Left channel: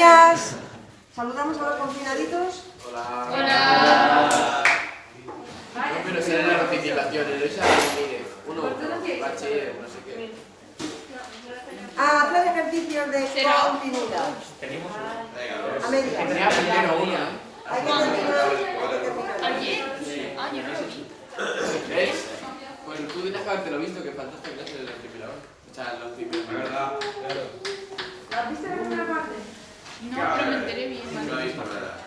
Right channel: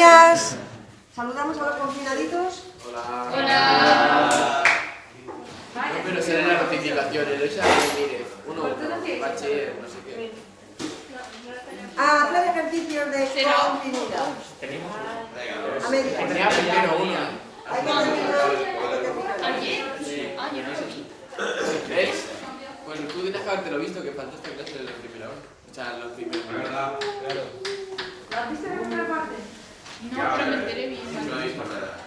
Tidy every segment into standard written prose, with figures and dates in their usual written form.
días. Saludamos a los confinaditos. Hola. Hola. No, pero será la notificación, Eloisa, mire, uno, bachiller, no sé qué. Hacer ejercicios de continuidad. A medias. Ya primero uno. Hay que terminar. ¿Ves? Pues tú que te has quedado, te lo he visto, que faltaste en clase de la primera hora. O sea, la primera. ¿La has visto la primera parte? No, pero me enteré bien. No habéis nada.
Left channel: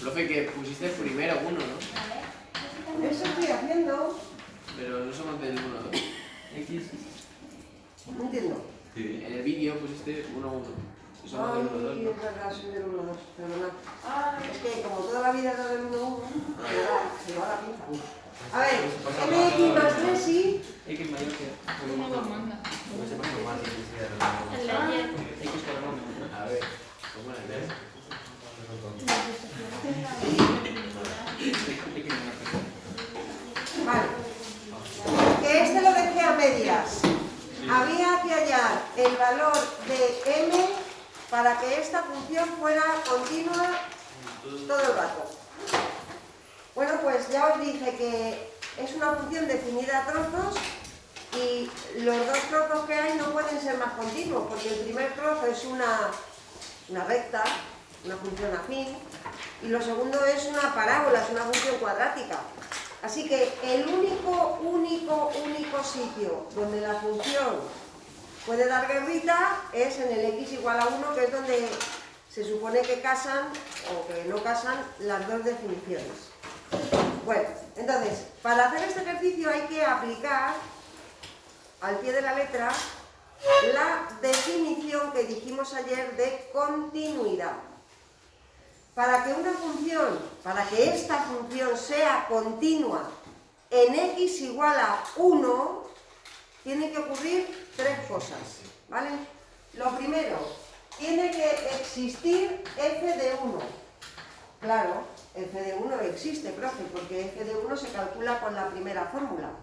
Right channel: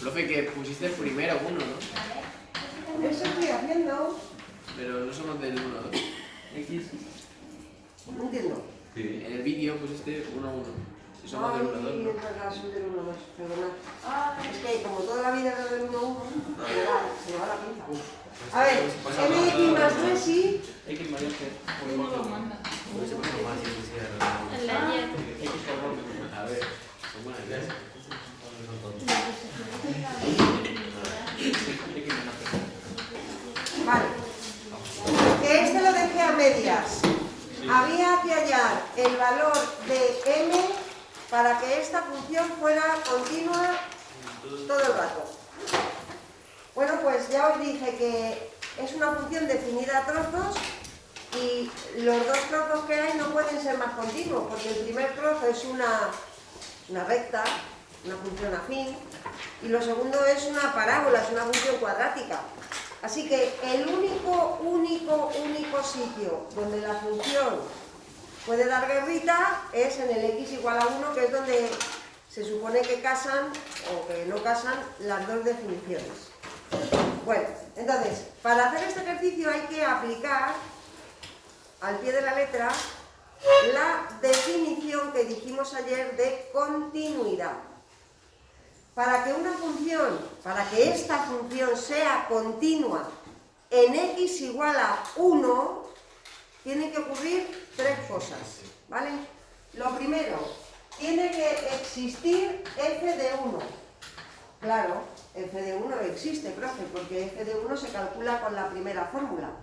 Profe, que pusiste el primero uno, ¿no? Eso estoy haciendo. Pero no somos del 1 a 2. No entiendo. En el vídeo pusiste 1 a 1. Y somos del 1 a 2. Ay, es verdad, soy del 1 2. Perdona. Es que como toda la vida era del 1 1, se me va la pinza. A ver, mx más 3 y... X mayor que. ¿Cómo lo manda? A ver. Vale. Que este lo dejé a medias. Había que hallar el valor de m para que esta función fuera continua todo el rato. Bueno, pues ya os dije que es una función definida a trozos y los dos trozos que hay no pueden ser más continuos, porque el primer trozo es una recta, una función afín, y lo segundo es una parábola, es una función cuadrática. Así que el único sitio donde la función puede dar guerrita es en el x igual a 1, que es donde se supone que casan o que no casan las dos definiciones. Bueno, entonces, para hacer este ejercicio hay que aplicar al pie de la letra la definición que dijimos ayer de continuidad. Para que una función, para que esta función sea continua en x igual a 1, tiene que ocurrir tres cosas, ¿vale? Lo primero, tiene que existir f de 1. Claro, f de 1 existe, profe, porque f de 1 se calcula con la primera fórmula.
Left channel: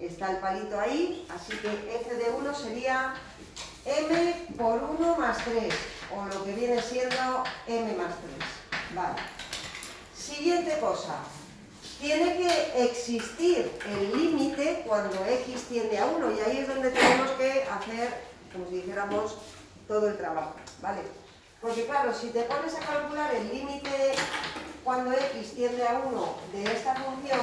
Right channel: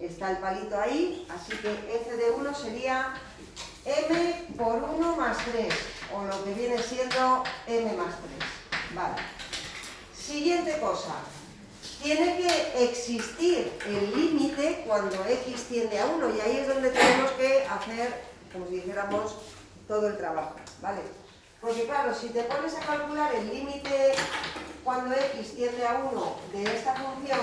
Está el palito ahí, así que f de 1 sería m por 1 más 3, o lo que viene siendo m más 3. Vale. Siguiente cosa. Tiene que existir el límite cuando x tiende a 1, y ahí es donde tenemos que hacer, como si dijéramos, todo el trabajo, ¿vale? Porque claro, si te pones a calcular el límite cuando x tiende a 1 de esta función,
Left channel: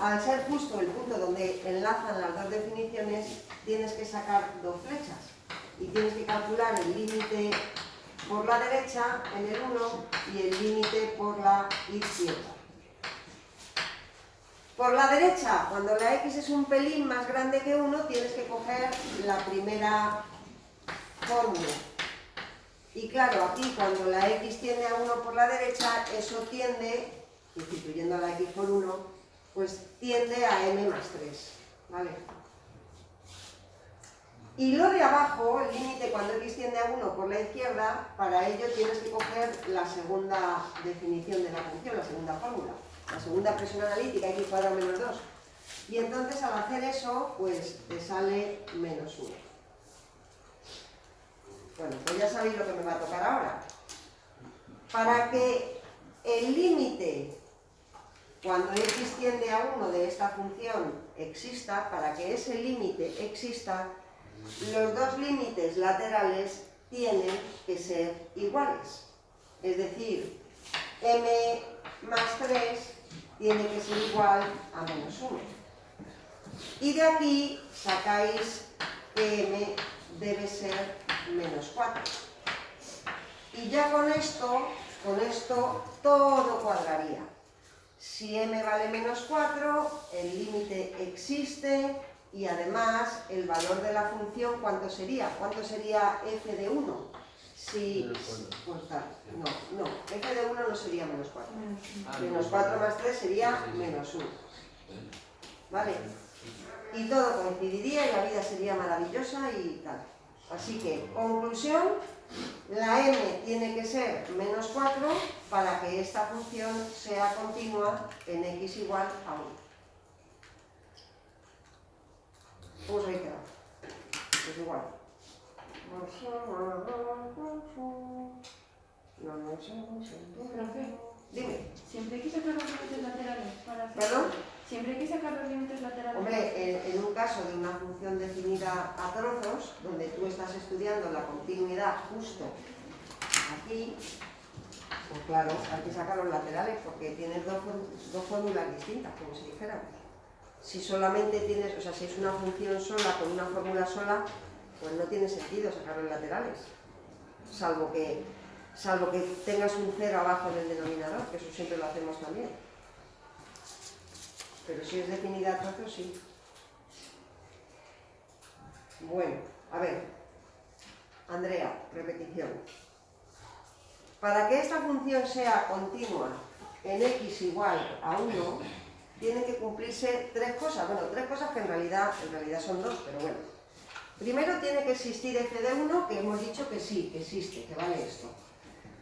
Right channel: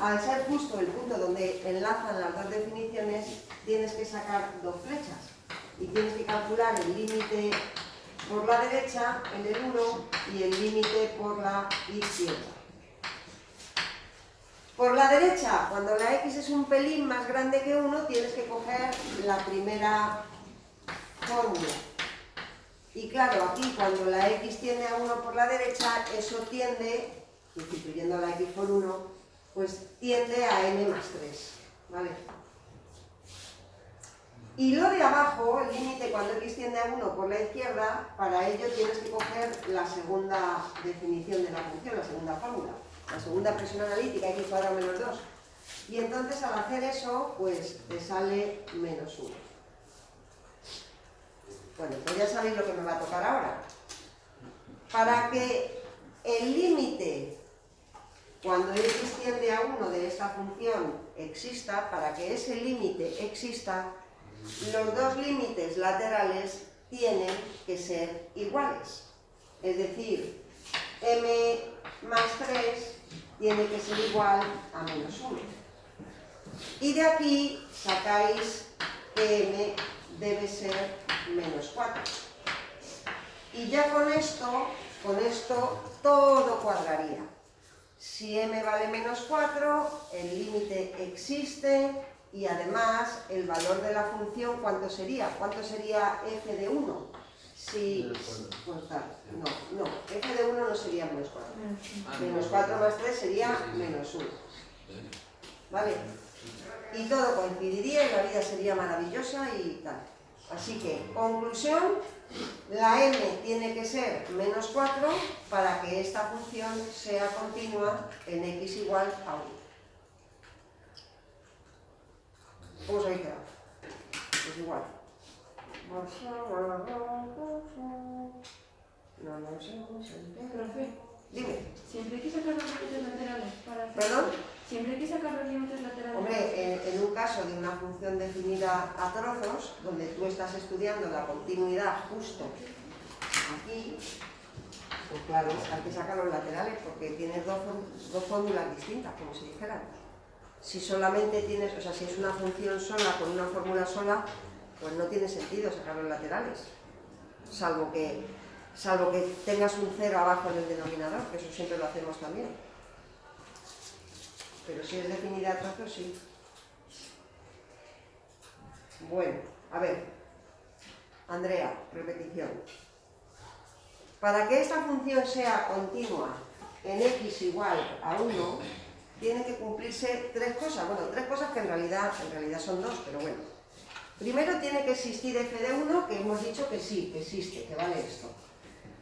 al ser justo el punto donde enlazan las dos definiciones, tienes que sacar dos flechas y tienes que calcular el límite por la derecha en el 1 y el límite por la izquierda. Por la derecha, cuando la x es un pelín más grande que 1, tienes que coger la primera fórmula. Y claro, aquí cuando la x tiende a 1 por la derecha, eso tiende, sustituyendo a la x por 1, pues tiende a m más 3, ¿vale? Y lo de abajo, el límite cuando x tiende a 1 por la izquierda, para ello tienes que coger la segunda definición de la función, la segunda fórmula, la segunda expresión analítica, x cuadrado menos 2. Y entonces al hacer eso, pues te sale menos 1. Bueno, pues ya sabéis lo que me va a tocar ahora. Para que el límite cuando x tiende a 1 de esta función exista, para que ese límite exista, los dos límites laterales tienen que ser iguales. Es decir, m más 3 tiene que ser igual a menos 1. Y de aquí sacáis que m debe ser menos 4. Y ya con esto todo cuadraría. Si m vale menos 4, el límite existe y además el valor de la función, ¿cuánto sería? ¿Cuánto sería f de 1? Si, pues tal, no, f de 1 no sería menos 4. Menos 4 más 3 sería menos 1. ¿Vale? Y todo coincidiría y la vida sería maravillosa y tal. Así que, conclusión, la m tiene que ser menos 4 para que esta función sea continua en x igual a 1. ¿Cómo os habéis quedado? Pues igual. Profe, Dime. siempre hay que sacar los límites laterales para hacer... ¿Perdón? Siempre hay que sacar los límites laterales. Hombre, en un caso de una función definida a trozos, donde tú estás estudiando la continuidad justo aquí, pues claro, hay que sacar los laterales porque tienes dos fórmulas distintas, como si dijeran. Si solamente tienes, o sea, si es una función sola con una fórmula sola, pues no tiene sentido sacar los laterales, salvo que tengas un cero abajo en el denominador, que eso siempre lo hacemos también. Pero si es definida a trazos, sí. Bueno, a ver, Andrea, repetición. Para que esta función sea continua en x igual a 1, tienen que cumplirse tres cosas. Bueno, tres cosas que en realidad son dos, pero bueno. Primero tiene que existir f de 1, que hemos dicho que sí, que existe, que vale esto.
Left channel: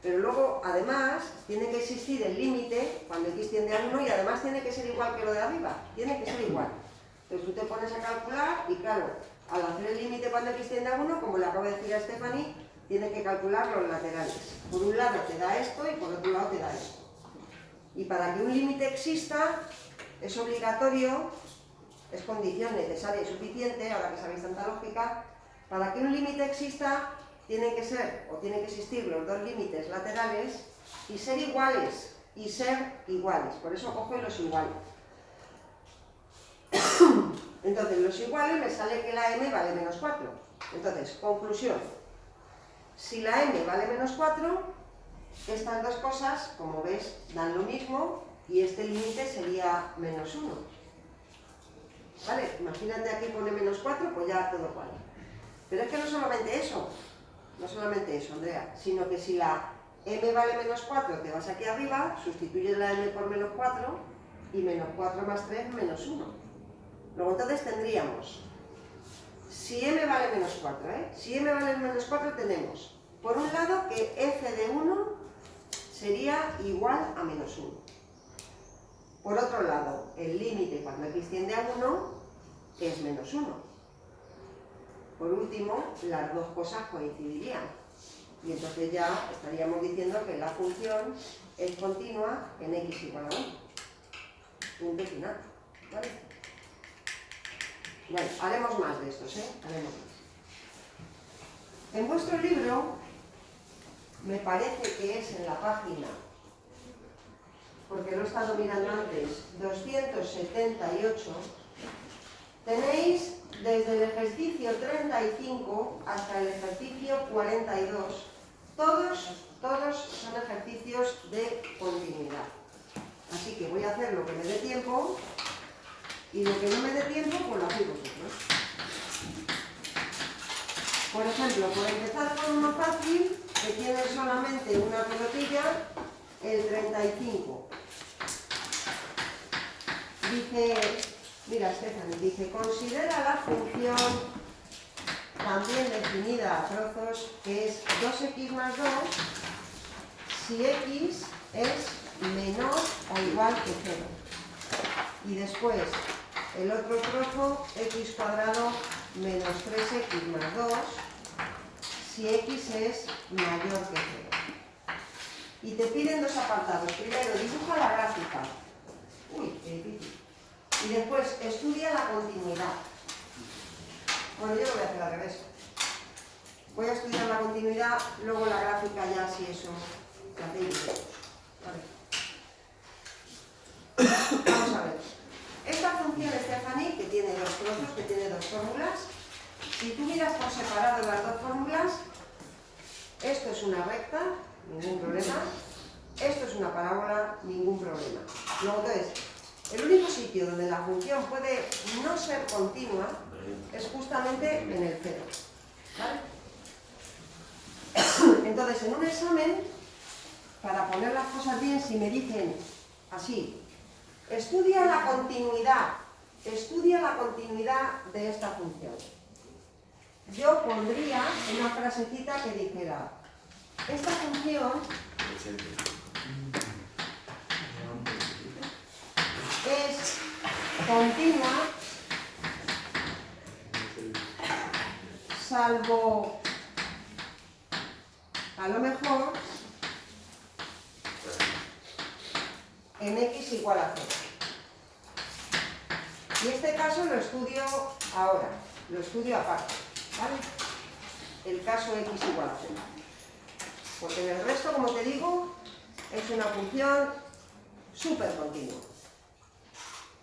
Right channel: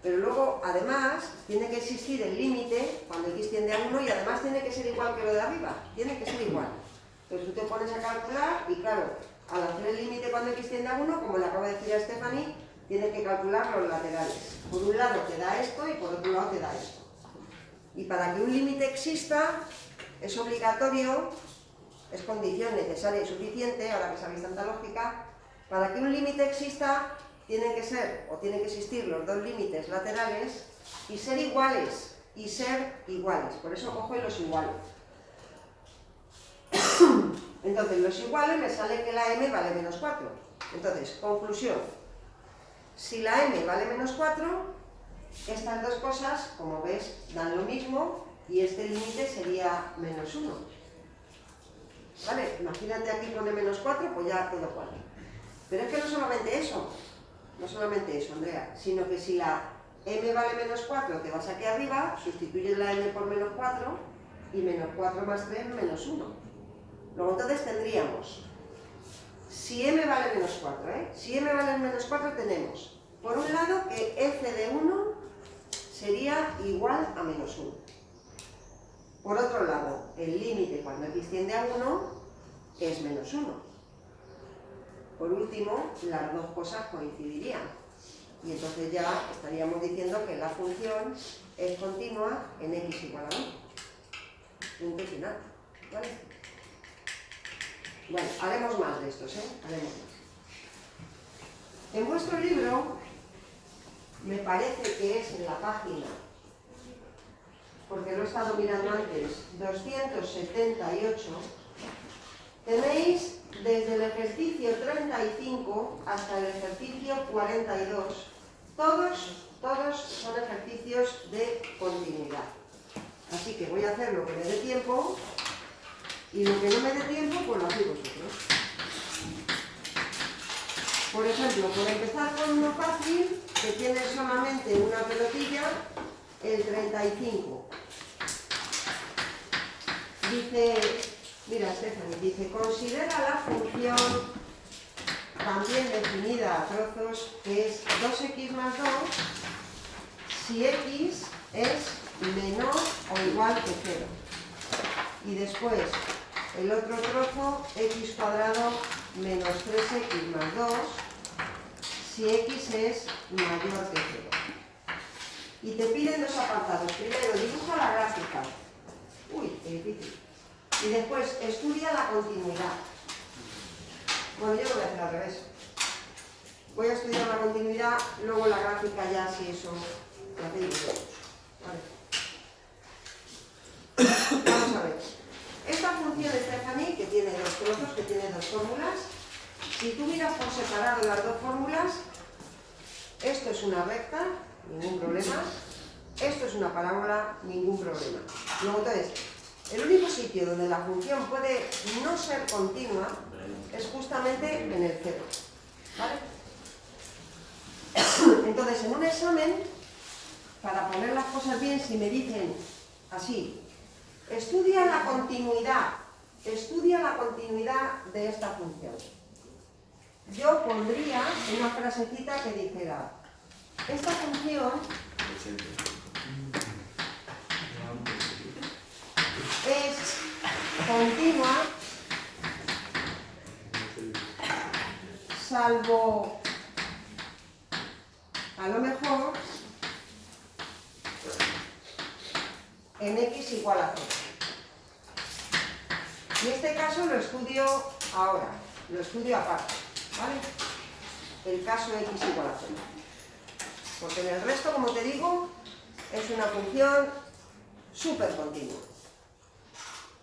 Pero luego, además, tiene que existir el límite cuando x tiende a 1 y además tiene que ser igual que lo de arriba. Tiene que ser igual. Entonces tú te pones a calcular y claro, al hacer el límite cuando x tiende a 1, como le acabo de decir a Stephanie, tienes que calcular los laterales. Por un lado te da esto y por otro lado te da esto. Y para que un límite exista, es obligatorio, es condición necesaria y suficiente, ahora que sabéis tanta lógica, para que un límite exista, tienen que existir los dos límites laterales y ser iguales, Por eso cojo y los iguales. Entonces, los iguales me sale que la m vale menos 4. Entonces, conclusión. Si la m vale menos 4, estas dos cosas, como ves, dan lo mismo y este límite sería menos 1. ¿Vale? Imagínate aquí pone menos 4, pues ya todo cual. Pero es que no solamente eso, Andrea, sino que si la m vale menos 4, te vas aquí arriba, sustituyes la m por menos 4 y menos 4 más 3 menos 1. Luego entonces tendríamos, si m vale menos 4, si m vale menos 4 tenemos, por un lado, que f de 1 sería igual a menos 1. Por otro lado, el límite cuando x tiende a 1 es menos 1. Por último, las dos cosas coincidirían. Y entonces ya estaríamos diciendo que la función es continua en x igual a 1. Punto final. ¿Vale? Bueno, haremos más de estos, Haremos más. En vuestro libro, me parece que es en la página, porque lo he estado mirando antes, 278, tenéis desde el ejercicio 35 hasta el ejercicio 42, todos son ejercicios de continuidad. Así que voy a hacer lo que me dé tiempo y lo que no me dé tiempo, pues lo hacéis vosotros. Por ejemplo, por empezar con uno fácil, que tiene solamente una pelotilla, el 35. Dice, mira Stephanie, dice, considera la función también definida a trozos que es 2x más 2 si x es menor o igual que 0. Y después, el otro trozo, x cuadrado menos 3x más 2 si x es mayor que 0. Y te piden dos apartados. Primero, dibuja la gráfica. Uy, qué difícil. Y después, estudia la continuidad. Bueno, yo lo voy a hacer al revés. Voy a estudiar la continuidad, luego la gráfica ya, si eso lo hacéis vosotros. Vamos a ver. Esta función de Stephanie, que tiene dos trozos, que tiene dos fórmulas, si tú miras por separado las dos fórmulas, esto es una recta, ningún problema. Esto es una parábola, ningún problema. Luego, entonces, el único sitio donde la función puede no ser continua es justamente en el cero. ¿Vale? Entonces, en un examen, para poner las cosas bien, si me dicen así, estudia la continuidad de esta función. Yo pondría una frasecita que dijera, esta función es continua salvo a lo mejor en x igual a 0. Y este caso lo estudio ahora, lo estudio aparte, ¿vale? El caso de x igual a 0. Porque en el resto, como te digo, es una función súper continua.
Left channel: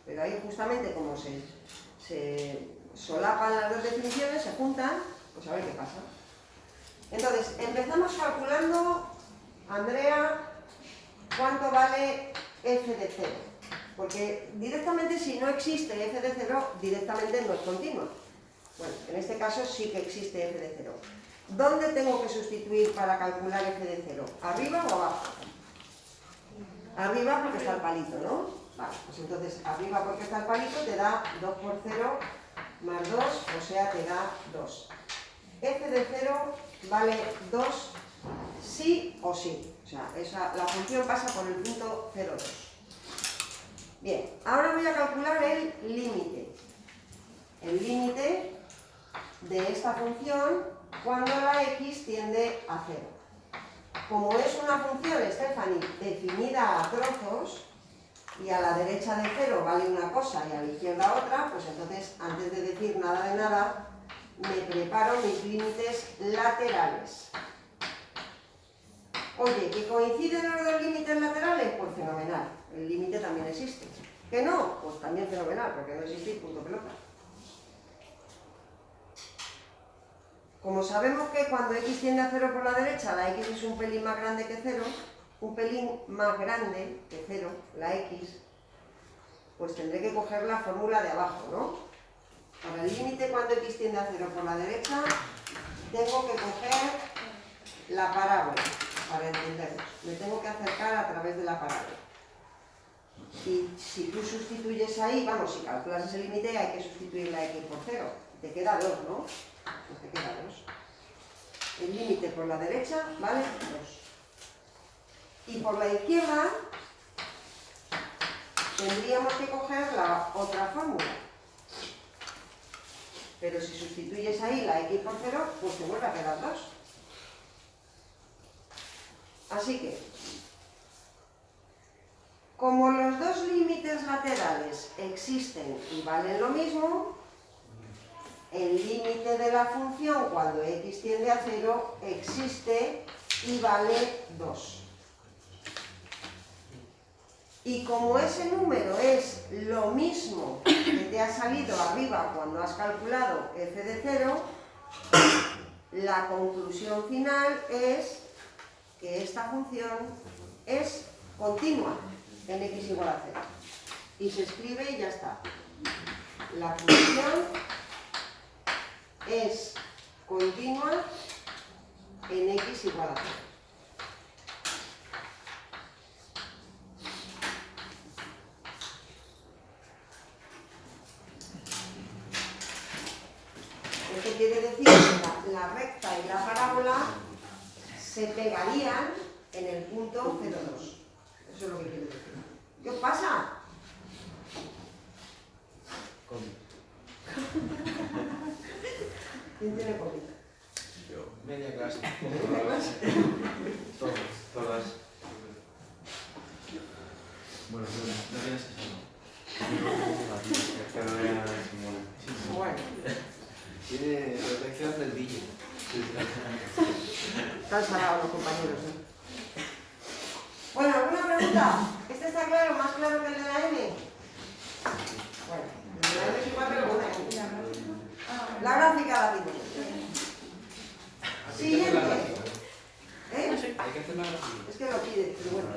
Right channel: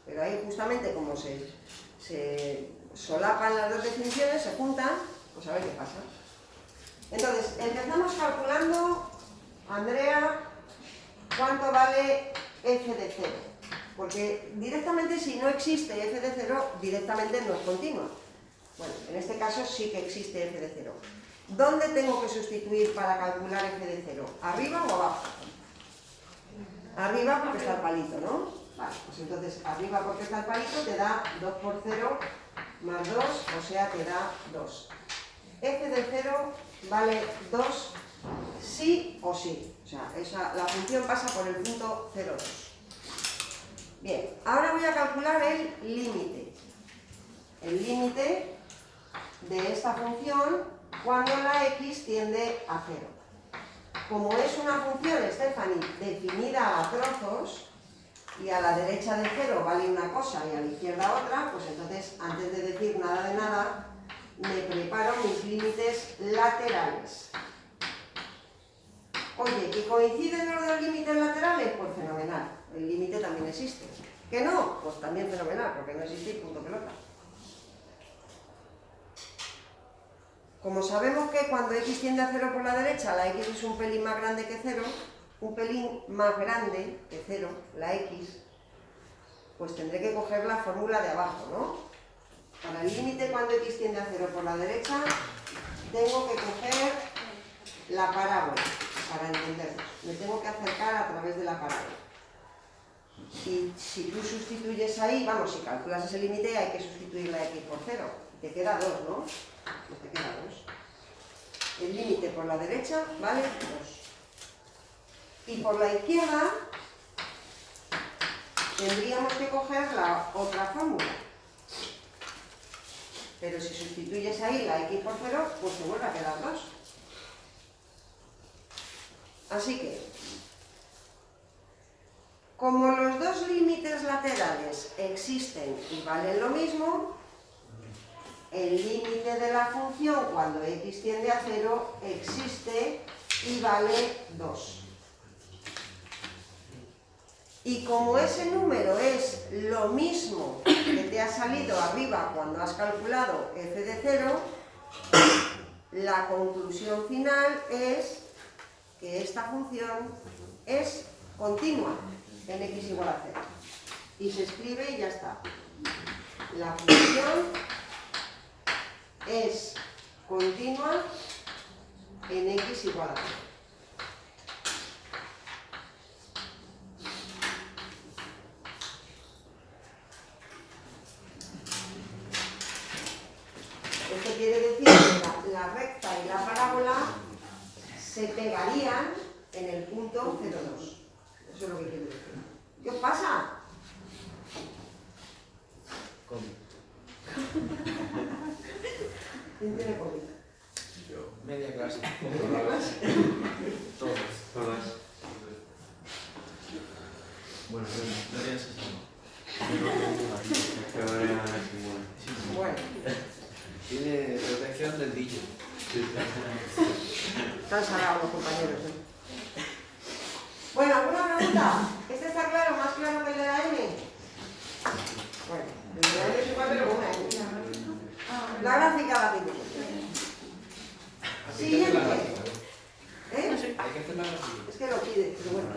Pero ahí justamente como se solapan las dos definiciones, se juntan, pues a ver qué pasa. Entonces, empezamos calculando, Andrea, cuánto vale f de 0. Porque directamente si no existe f de 0, directamente no es continua. Bueno, en este caso sí que existe f de 0. ¿Dónde tengo que sustituir para calcular f de 0? ¿Arriba o abajo? Arriba porque está el palito, ¿no? Vale, pues entonces arriba porque está el palito te da 2 por 0 más 2, o sea, te da 2. F de 0 vale 2 sí o sí. O sea, la función pasa por el punto 0,2. Bien, ahora voy a calcular el límite. El límite de esta función cuando la x tiende a 0. Como es una función, Stephanie, definida a trozos, y a la derecha de 0 vale una cosa y a la izquierda otra, pues entonces, antes de decir nada de nada, me preparo mis límites laterales. Oye, ¿que coinciden los dos límites laterales? Pues fenomenal, el límite también existe. ¿Que no? Pues también fenomenal, porque no existe y punto pelota. Como sabemos que cuando x tiende a 0 por la derecha, la x es un pelín más grande que 0, un pelín más grande que 0, la x, pues tendré que coger la fórmula de abajo, ¿no? Para el límite cuando x tiende a 0 por la derecha, tengo que coger la parábola, para entendernos. Me tengo que acercar a través de la parábola. Y si tú sustituyes ahí, vamos, si calculas ese límite, hay que sustituir la x por 0. Te queda 2, ¿no? Pues te queda 2. El límite por la derecha vale 2. Y por la izquierda tendríamos que coger la otra fórmula. Pero si sustituyes ahí la x por 0, pues te vuelve a quedar 2. Así que, como los dos límites laterales existen y valen lo mismo, el límite de la función cuando x tiende a 0 existe y vale 2. Y como ese número es lo mismo que te ha salido arriba cuando has calculado f de 0, la conclusión final es que esta función es continua en x igual a 0. Y se escribe y ya está. La función es continua en x igual a 0. Esto quiere decir que la recta y la parábola se pegarían en el punto 0,2. Eso es lo que quiere decir. ¿Qué os pasa? ¿Quién tiene COVID? Yo. Media clase. ¿Media clase? Todas. Bueno, no tienes eso. Bueno, Tiene protección del DJ. están salados los compañeros, ¿eh? Bueno, ¿alguna pregunta? ¿Este está claro? ¿Más claro que el de la M? Bueno, el de la M es igual pero con una M. La gráfica la tiene. Siguiente. ¿Eh? Hay que hacer una gráfica. Es que lo pide, pero bueno.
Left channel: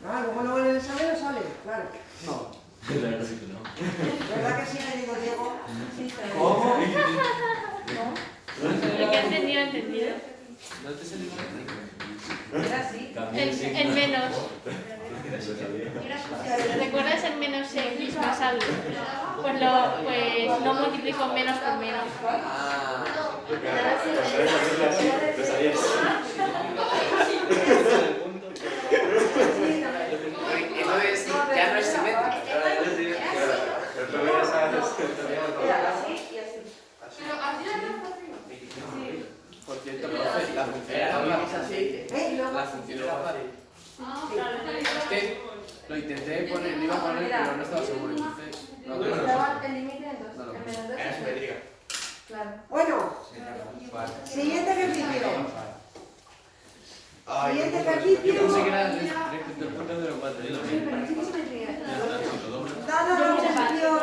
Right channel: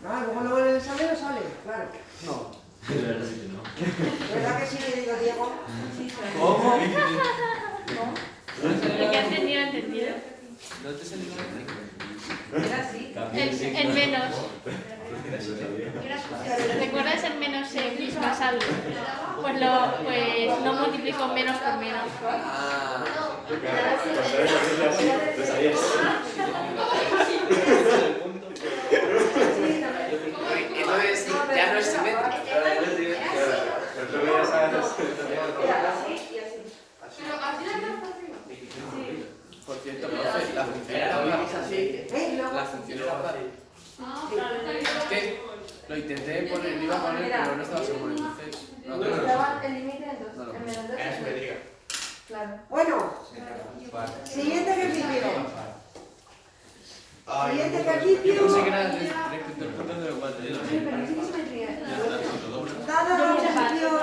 No, luego en el examen no sale, claro. No. ¿Verdad que sí, querido Diego? ¿Cómo? El que ha entendido, ha entendido. No te sé ni Era así. El menos. ¿Recuerdas el menos x más algo? Pues lo multiplico menos por menos. Entonces, ya no es simétrico. Por cierto, la función la hablamos así. La función era pared. Lo intenté poner, lo iba a poner, pero no estaba seguro. Entonces, no, Estaba el límite en 2. no, no. En menos 2 Era simétrica. Claro. Bueno, siguiente ejercicio. Siguiente ejercicio. Yo pensé que era respecto al punto de los cuatro. Sí, pero no sé qué simetría. Dada la posición.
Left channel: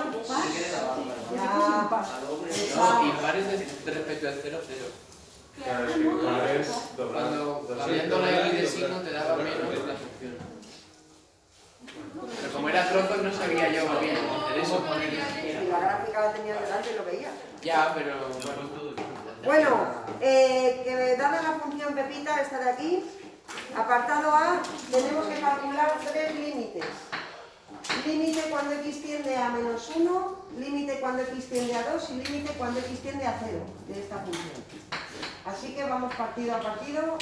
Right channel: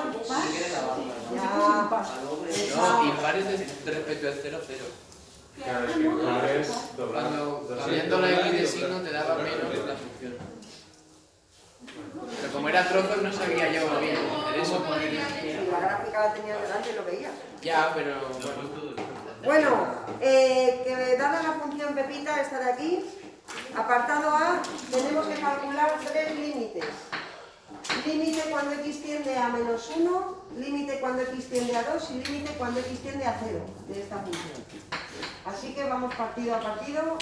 No, y lugares de respecto al 0, 0. Cuando cambiando la x de signo te daba menos la función. Pero como era trozos no sabía yo muy bien hacer eso. Si la gráfica la tenía delante lo veía. Ya, pero... Bueno, que dada la función Pepita, esta de aquí, apartado A, tenemos que calcular 3 límites. Límite cuando x tiende a menos 1, límite cuando x tiende a 2 y límite cuando x tiende a 0 de esta función. Así que vamos partido a partido.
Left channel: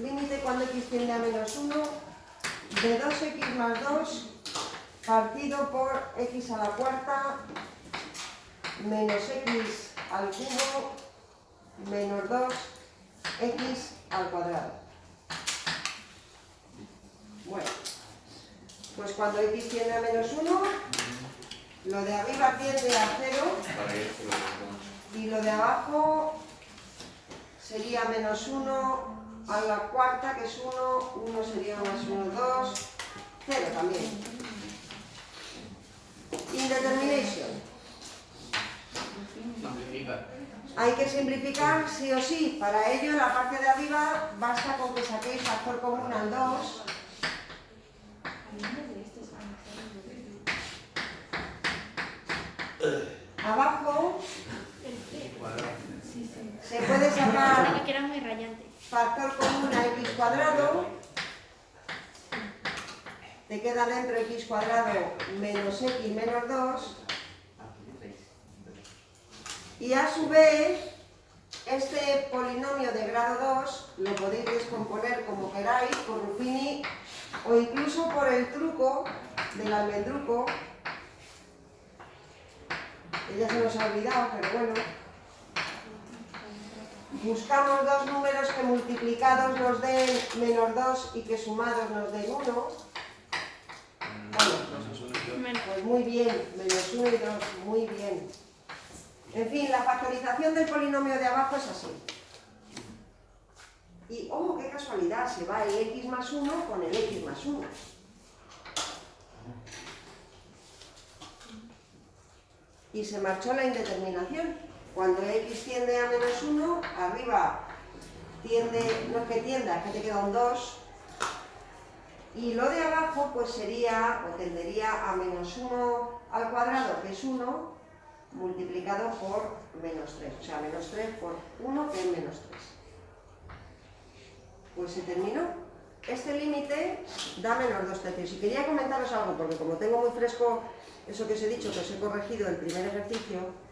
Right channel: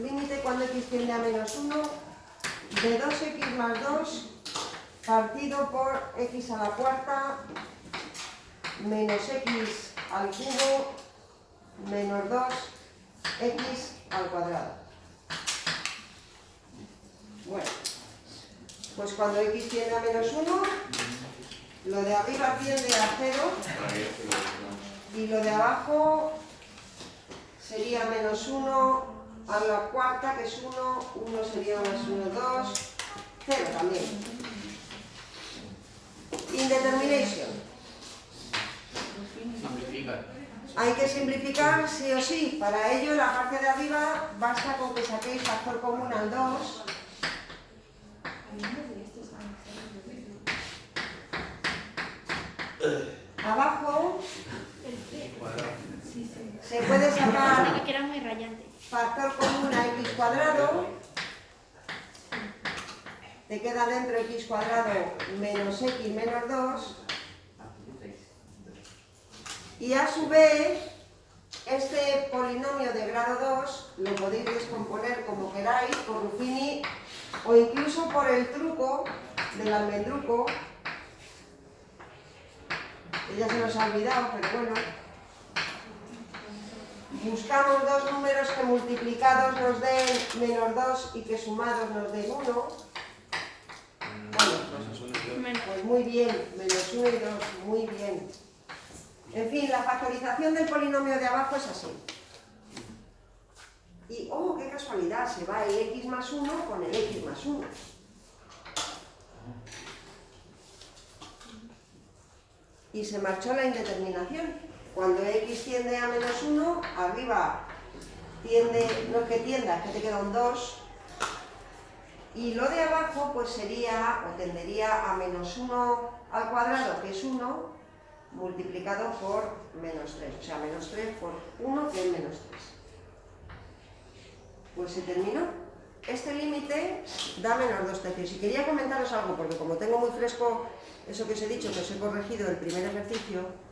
Límite cuando x tiende a menos 1 de 2x más 2 partido por x a la cuarta menos x al cubo menos 2x al cuadrado. Bueno, pues cuando x tiende a menos 1, lo de arriba tiende a 0 y lo de abajo sería menos 1 a la cuarta, que es 1, 1 sería más 1, 2, 0 también. Indetermination. Simplifica. Hay que simplificar sí o sí. Para ello, la parte de arriba basta con que saquéis factor común al 2. Abajo se puede sacar Que era muy rayante. factor común a x cuadrado. Te queda dentro x cuadrado menos x menos 2. Y a su vez, este polinomio de grado 2 lo podéis descomponer como queráis, por Ruffini, o incluso por el truco del almendruco, que ya se nos ha olvidado, pero bueno. Buscamos dos números que multiplicados nos den menos 2 y que sumados nos den 1. Bueno, pues muy bien, menos 1 y 2, muy bien. En fin, la factorización del polinomio de abajo es así. Y, oh, qué casualidad, se va el x más 1 con el x más 1. Y se marchó la indeterminación. Cuando x tiende a menos 1, arriba tiende, no es que tienda, es que te queda un 2. Y lo de abajo pues sería, o tendería a menos 1 al cuadrado, que es 1, multiplicado por menos 3. O sea, menos 3 por 1, que es menos 3. Pues se terminó. Este límite da menos 2 tercios. Y quería comentaros algo, porque como tengo muy fresco eso que os he dicho, que os he corregido el primer ejercicio.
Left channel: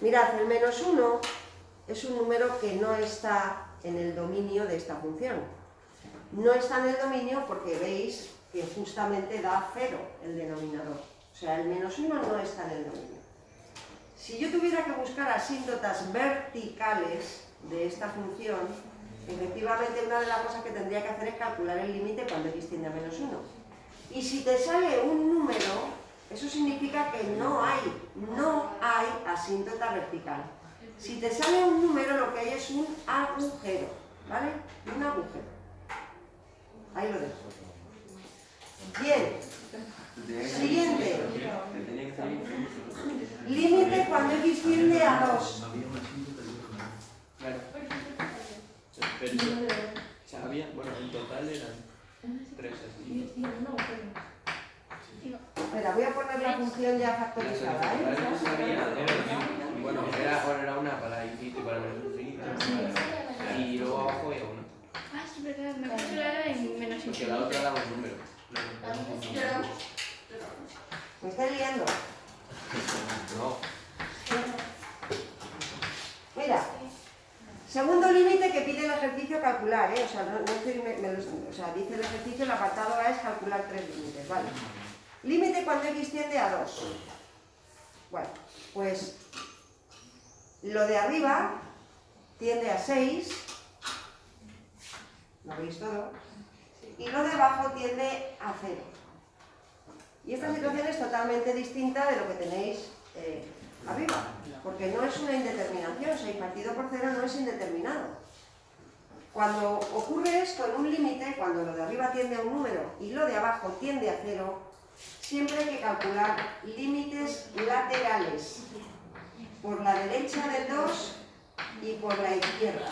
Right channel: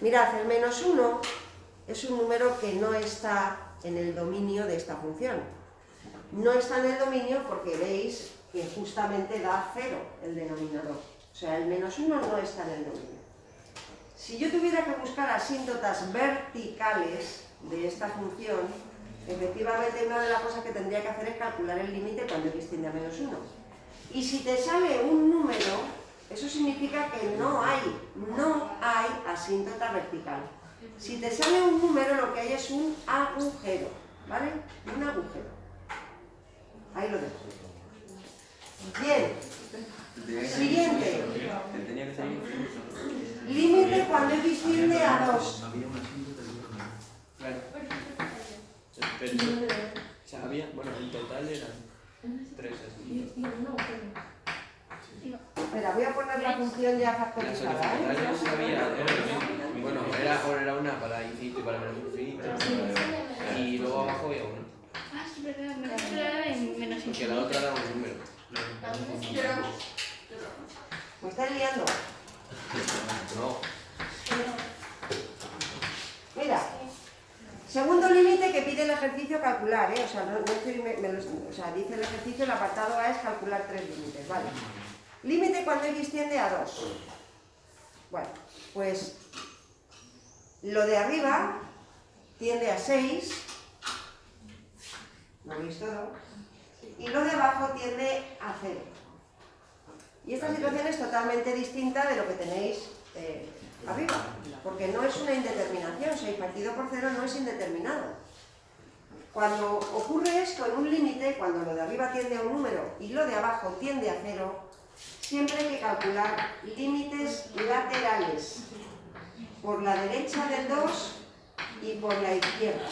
Mirad, el menos 1 es un número que no está en el dominio de esta función. No está en el dominio porque veis que justamente da 0 el denominador. O sea, el menos 1 no está en el dominio. Si yo tuviera que buscar asíntotas verticales de esta función, efectivamente una de las cosas que tendría que hacer es calcular el límite cuando x tiende a menos 1. Y si te sale un número, eso significa que no hay asíntota vertical. Si te sale un número, lo que hay es un agujero, ¿vale? Un agujero. Ahí lo dejo. Bien. Siguiente. Límite cuando x tiende a 2. Había, bueno, en total eran 3. Espera, voy a poner la función ya factorizada, ¿eh? Bueno, era una para infinito y para menos infinito. Y luego abajo había una. Ah, es verdad, me parece que era en menos Porque la otra infinito. daba un número. Me está liando. No. Mira, segundo límite que pide el ejercicio calcular, ¿eh? O sea, no estoy, o sea, dice el ejercicio, el apartado A es calcular 3 límites, ¿vale? Límite cuando x tiende a 2. Bueno, pues lo de arriba tiende a 6. ¿Lo veis todo? y lo de abajo tiende a 0. Y esta situación es totalmente distinta de lo que tenéis arriba, porque no es una indeterminación, 6 partido por 0 no es indeterminado. Cuando ocurre esto en un límite, cuando lo de arriba tiende a un número y lo de abajo tiende a 0, siempre hay que calcular límites laterales por la derecha del 2 y por la izquierda.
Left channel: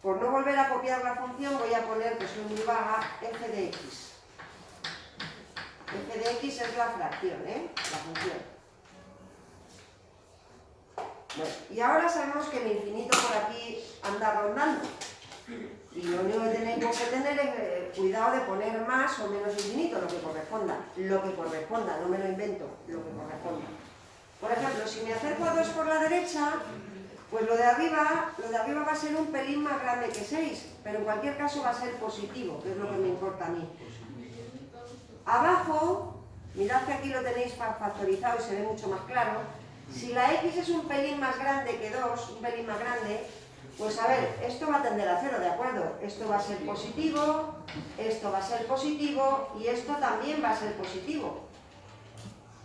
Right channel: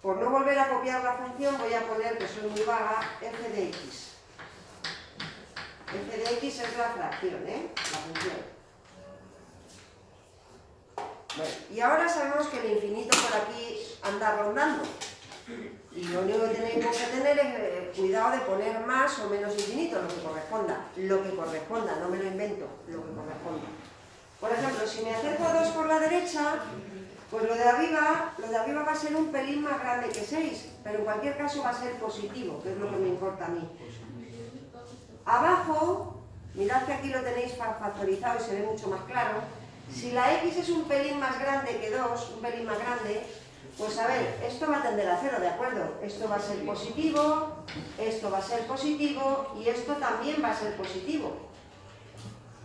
Por no volver a copiar la función voy a poner, que soy muy vaga, f de x. F de x es la fracción, la función. Bueno, y ahora sabemos que el infinito por aquí anda rondando. Y lo único que tenéis que tener es cuidado de poner más o menos infinito, lo que corresponda. Lo que corresponda, no me lo invento, lo que corresponda. Por ejemplo, si me acerco a 2 por la derecha, pues lo de arriba va a ser un pelín más grande que 6, pero en cualquier caso va a ser positivo, que es lo que me importa a mí. Abajo, mirad que aquí lo tenéis factorizado y se ve mucho más claro. Si la x es un pelín más grande que 2, un pelín más grande, pues a ver, esto va a tender a 0, ¿de acuerdo? Esto va a ser positivo, esto va a ser positivo y esto también va a ser positivo.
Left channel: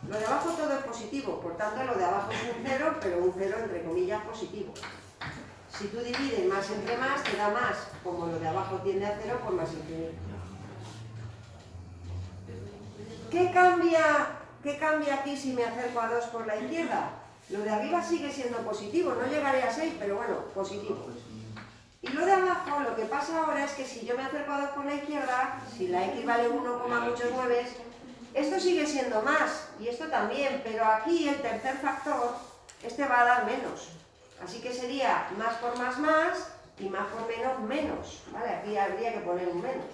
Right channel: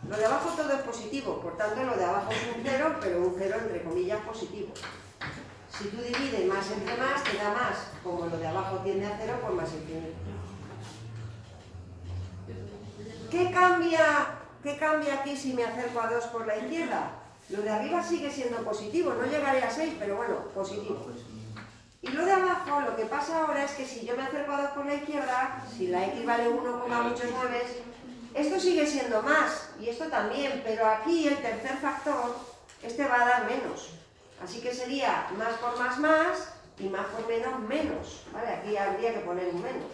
Lo de abajo todo es positivo, por tanto lo de abajo es un 0, pero un 0 entre comillas positivo. Si tú divides más entre más, te da más. Como lo de abajo tiende a 0, pues más infinito. ¿Qué cambia aquí si me acerco a 2 por la izquierda? Lo de arriba sigue siendo positivo, no llegaré a 6, pero bueno, positivo. Y lo de abajo, lo que pasa ahora es que si yo me acerco a 2 por la izquierda, si la x vale 1, muchos 9, esto sigue siendo más, y esto también, pero aquí el tercer factor, este va a dar menos. Así que sería más por más, y más por menos, menos. ¿Vale? Aquí habría que poner un menos.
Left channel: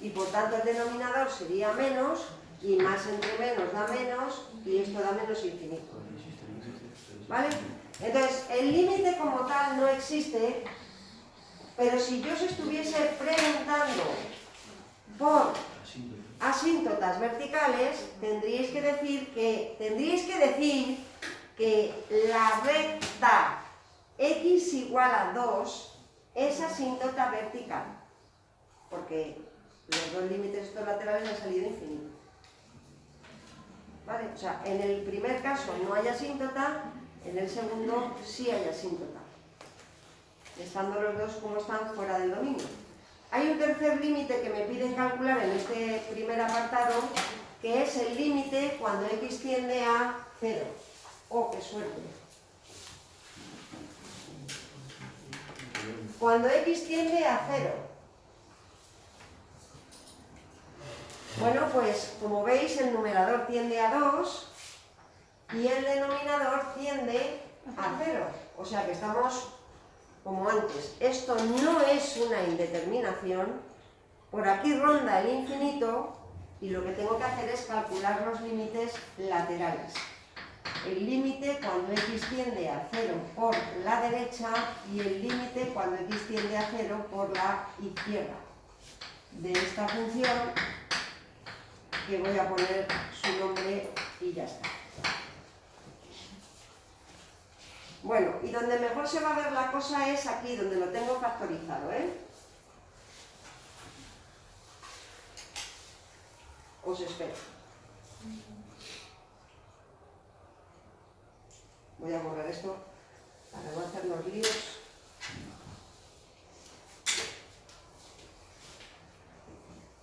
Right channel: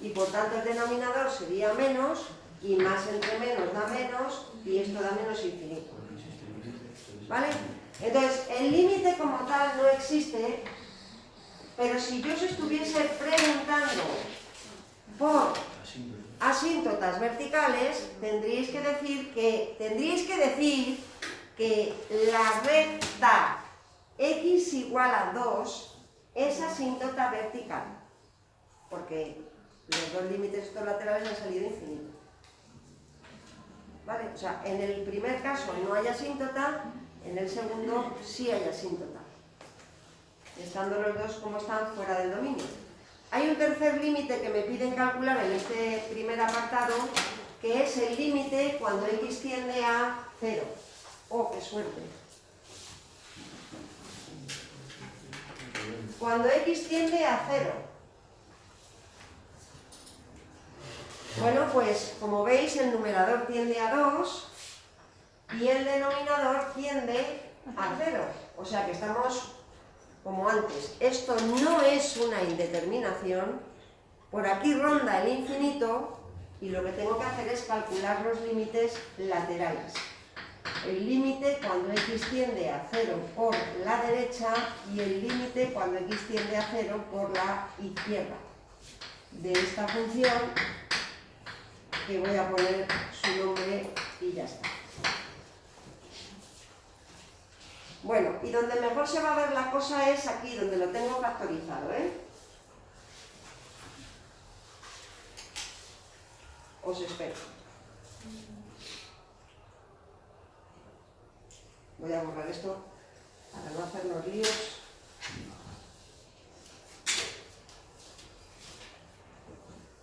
Y por tanto el denominador sería menos, y más entre menos da menos, y esto da menos infinito. ¿Vale? Entonces, el límite como tal no existe, pero si yo os estuviese preguntando por asíntotas verticales, tendríais que decir que la recta x igual a 2 es asíntota vertical, porque los dos límites estos laterales han salido infinitos. ¿Vale? O sea, en el primer caso no hay asíntota, en el segundo sí hay asíntota, estando los dos como están fuera del dominio. Hay un tercer límite que me piden calcular en este primer apartado, que es el límite cuando x tiende a 0. ¡Oh, qué suerte! Cuando x tiende a 0. Bueno, pues como veis el numerador tiende a 2 y el denominador tiende a 0. O sea que estamos como antes. Esto no es una indeterminación, por aquí ronda el infinito y lo que tengo que hacer es calcular los límites laterales. El límite cuando x tiende a 0 por la derecha y el límite cuando x tiende a 0 por la izquierda de esta función, que voy a poner su nombre y ya está. Bueno, y donde mejor se va a ver la cosa es aquí, donde lo tengo factorizado, Os espero. Voy a borrar esto para no hacernos líos.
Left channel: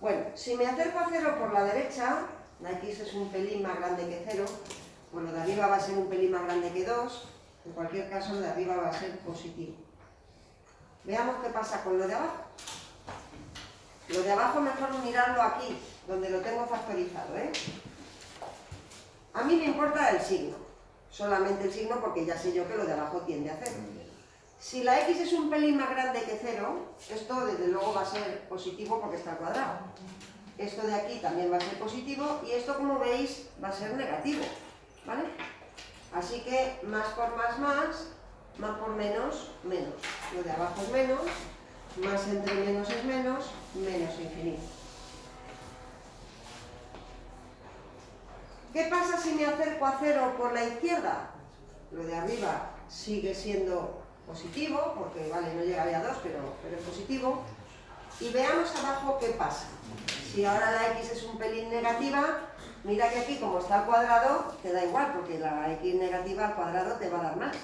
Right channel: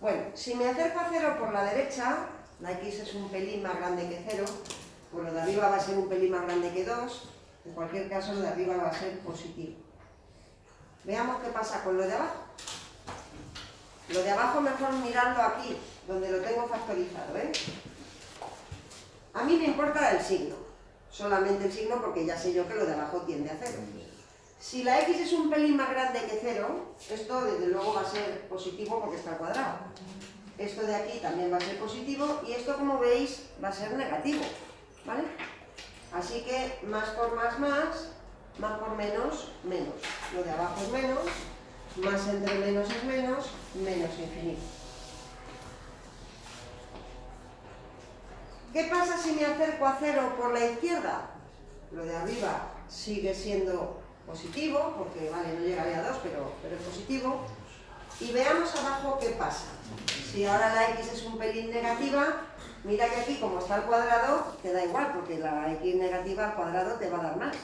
Bueno, si me acerco a 0 por la derecha, la x es un pelín más grande que 0, pues lo de arriba va a ser un pelín más grande que 2, en cualquier caso lo de arriba va a ser positivo. Veamos qué pasa con lo de abajo. Lo de abajo mejor mirarlo aquí, donde lo tengo factorizado, A mí me importa el signo, solamente el signo porque ya sé yo que lo de abajo tiende a 0. Si la x es un pelín más grande que 0, esto desde luego va a ser positivo porque está al cuadrado. Esto de aquí también va a ser positivo y esto, como veis, va a ser negativo, ¿vale? Así que más por más, más por menos, menos. Lo de abajo es menos, más entre menos es menos, menos infinito. ¿Qué pasa si me acerco a 0 por la izquierda? Lo de arriba sigue siendo positivo, porque vale, no llegaría a 2, pero es positivo. Y veamos abajo qué pasa. Si ahora la x es un pelín negativa, mira que aquí como está al cuadrado, te da igual, porque la x negativa al cuadrado te va a dar más.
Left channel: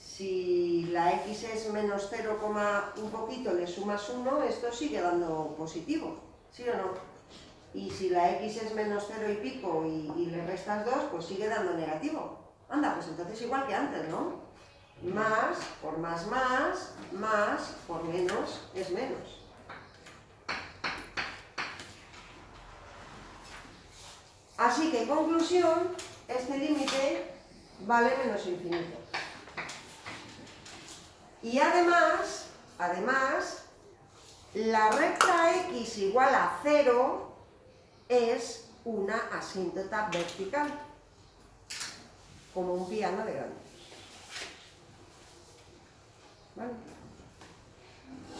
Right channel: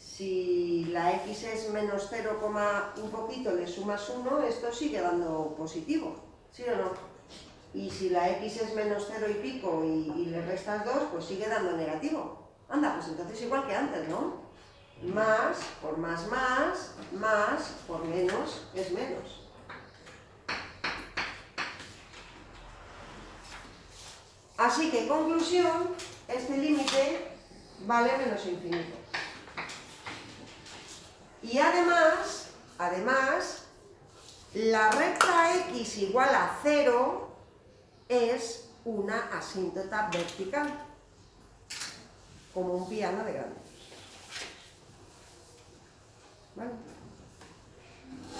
Si la x es menos 0, un poquito, le sumas 1, esto sigue dando positivo, ¿sí o no? Y si la x es menos 0 y pico y le restas 2, pues sigue dando negativo. Anda, pues entonces igual que antes, ¿no? Más por más, más por menos es menos. Así que, conclusión, este límite vale menos infinito. Y además, la recta x igual a 0 es una asíntota vertical, como un piano de grande. ¿Vale?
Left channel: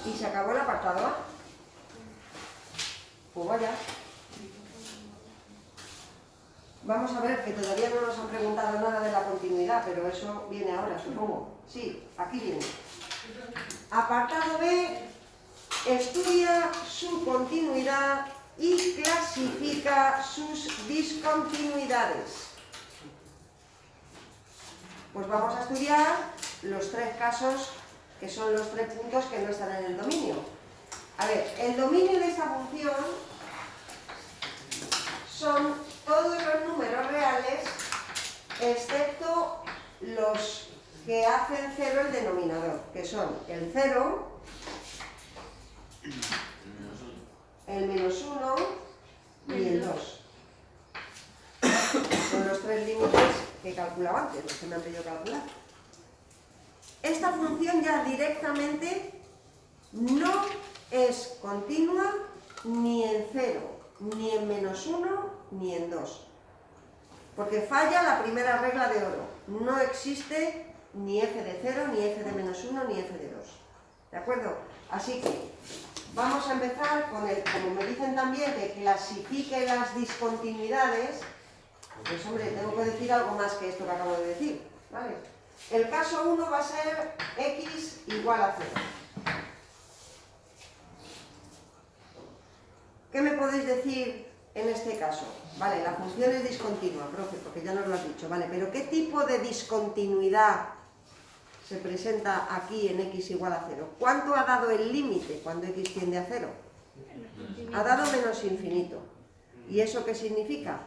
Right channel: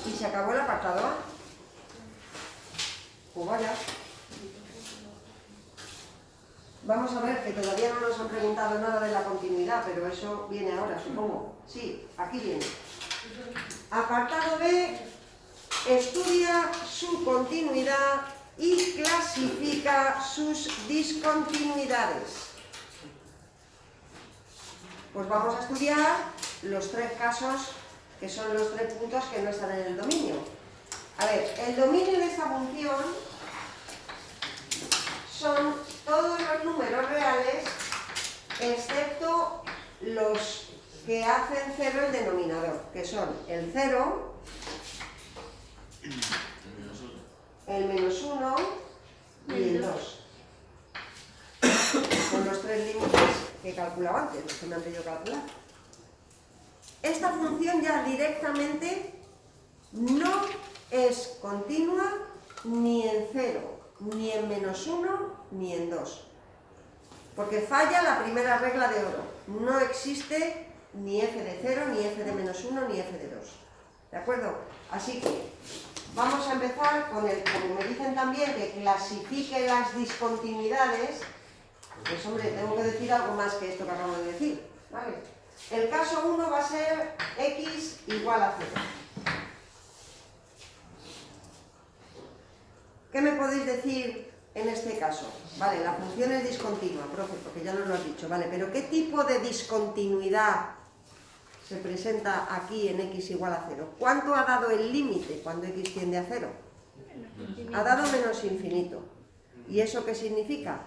Y se acabó el apartado A. Pues vaya. Vamos a ver, que todavía no nos han preguntado nada de la continuidad, pero eso viene ahora, supongo. Sí, aquí viene. Apartado B, estudia su continuidad y clasifica sus discontinuidades. Pues vamos a estudiar los 3 casos, que son los 3 puntos que no están en el dominio. A ver, el dominio de esta función son todos los números reales, excepto los que hacen 0 el denominador, que son el 0, el menos 1 y el 2. Son los 3 límites que he calculado antes, los que me han pedido calcular. Esta función ya directamente no es continua ni en 0, ni en menos 1, ni en 2. Porque falla la primera regla de oro. No existe ni f de 0, ni f de menos 1, ni f de 2. ¿De acuerdo? Así que vamos a empezar con el, como me dicen también, que clasifique las discontinuidades. Pues hombre, tengo que decir algo más que esto que acabo de decir. ¿Vale? El caso 1 va a ser x igual a 0. ¿Qué me podéis decir en este caso? Vale, la función es discontinua, profe, porque ya nos lo has dicho, vale, pero ¿qué tipo de discontinuidad se presenta aquí en x igual a 0? ¿Cuánto ha dado el límite cuando x tiende a 0? Ha dado menos infinito. ¿Y eso qué significa?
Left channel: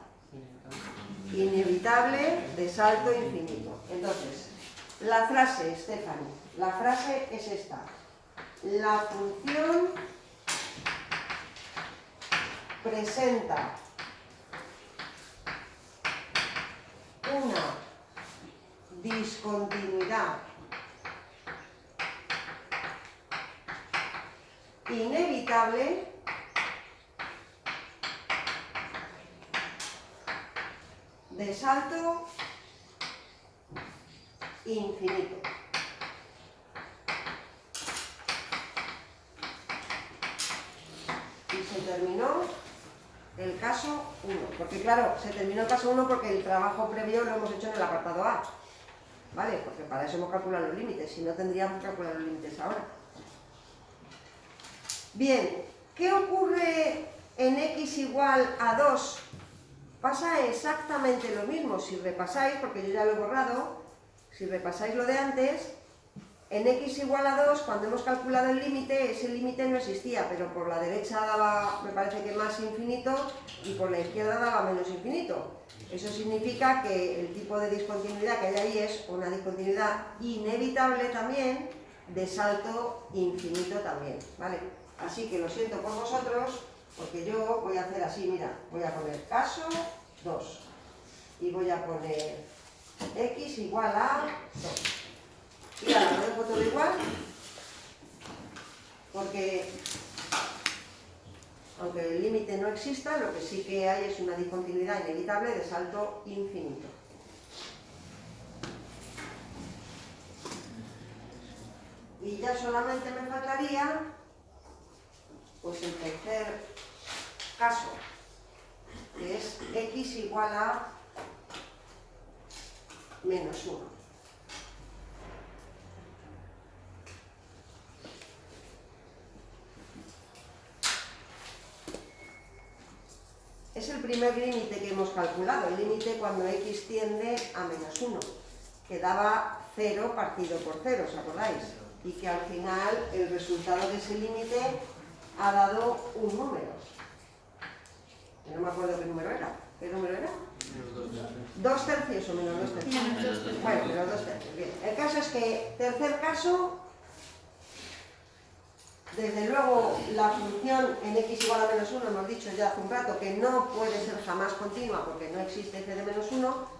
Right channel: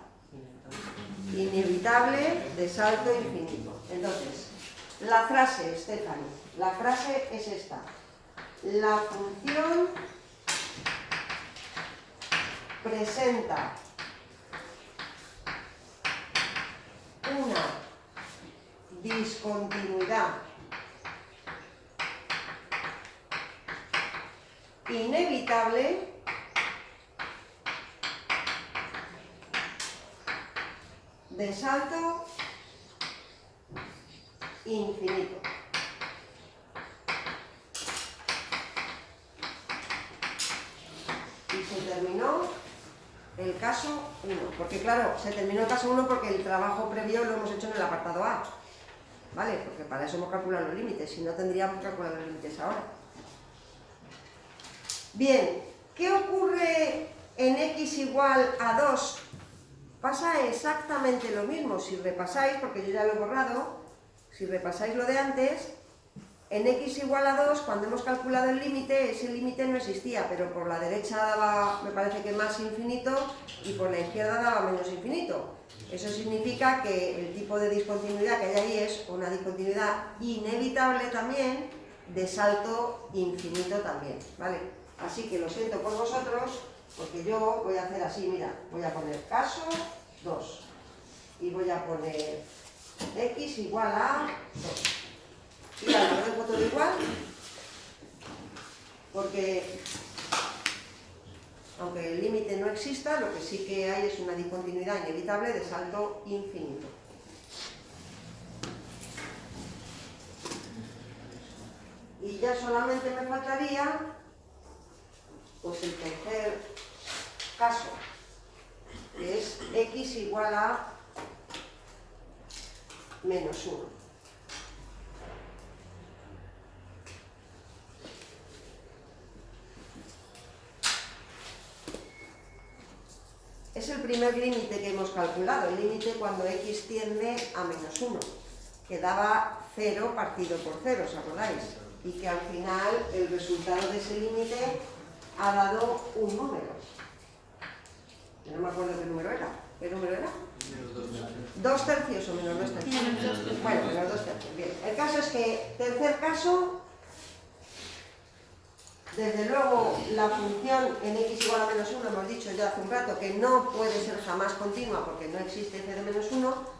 Inevitable de salto infinito. Entonces, la frase, Stephanie, la frase es esta. La función presenta una discontinuidad inevitable de salto infinito. Y se terminó el caso 1, porque claro, se terminó el caso 1 porque el trabajo previo lo hemos hecho en el apartado A, ¿vale? Porque para eso hemos calculado los límites, si no tendríamos que calcular los límites ahora. Bien, ¿qué ocurre en x igual a 2? Pasa exactamente lo mismo, si repasáis, porque yo ya lo he borrado, si repasáis lo de antes, en x igual a 2, cuando hemos calculado el límite, ese límite no existía, pero por la derecha daba, me parece que más infinito, y por la izquierda daba menos infinito. Eso significa que el tipo de discontinuidad que hay ahí es una discontinuidad inevitable también, de salto infinito también, ¿vale? Así que lo siento por vosotros, porque yo voy a hacer así, mira, voy a poner caso 2, y voy a poner x igual a 2. Y ahora lo dejo todo igual, porque aunque el límite no exista, lo que sí que hay es una discontinuidad inevitable de salto infinito. Y ya solamente me faltaría pues el tercer caso, que es x igual a menos 1. es el primer límite que hemos calculado, el límite cuando x tiende a menos 1, que daba 0 partido por 0, ¿os acordáis? Y que al final el resultado de ese límite ha dado un número. Yo no me acuerdo qué número era. ¿Qué número era? ¿2 tercios o menos 2 tercios? Menos 2 tercios. Bueno, menos 2 tercios. Bien. El caso es que, tercer caso, desde luego la función en x igual a menos 1, hemos dicho ya hace un rato que no puede ser jamás continua porque no existe f de menos 1,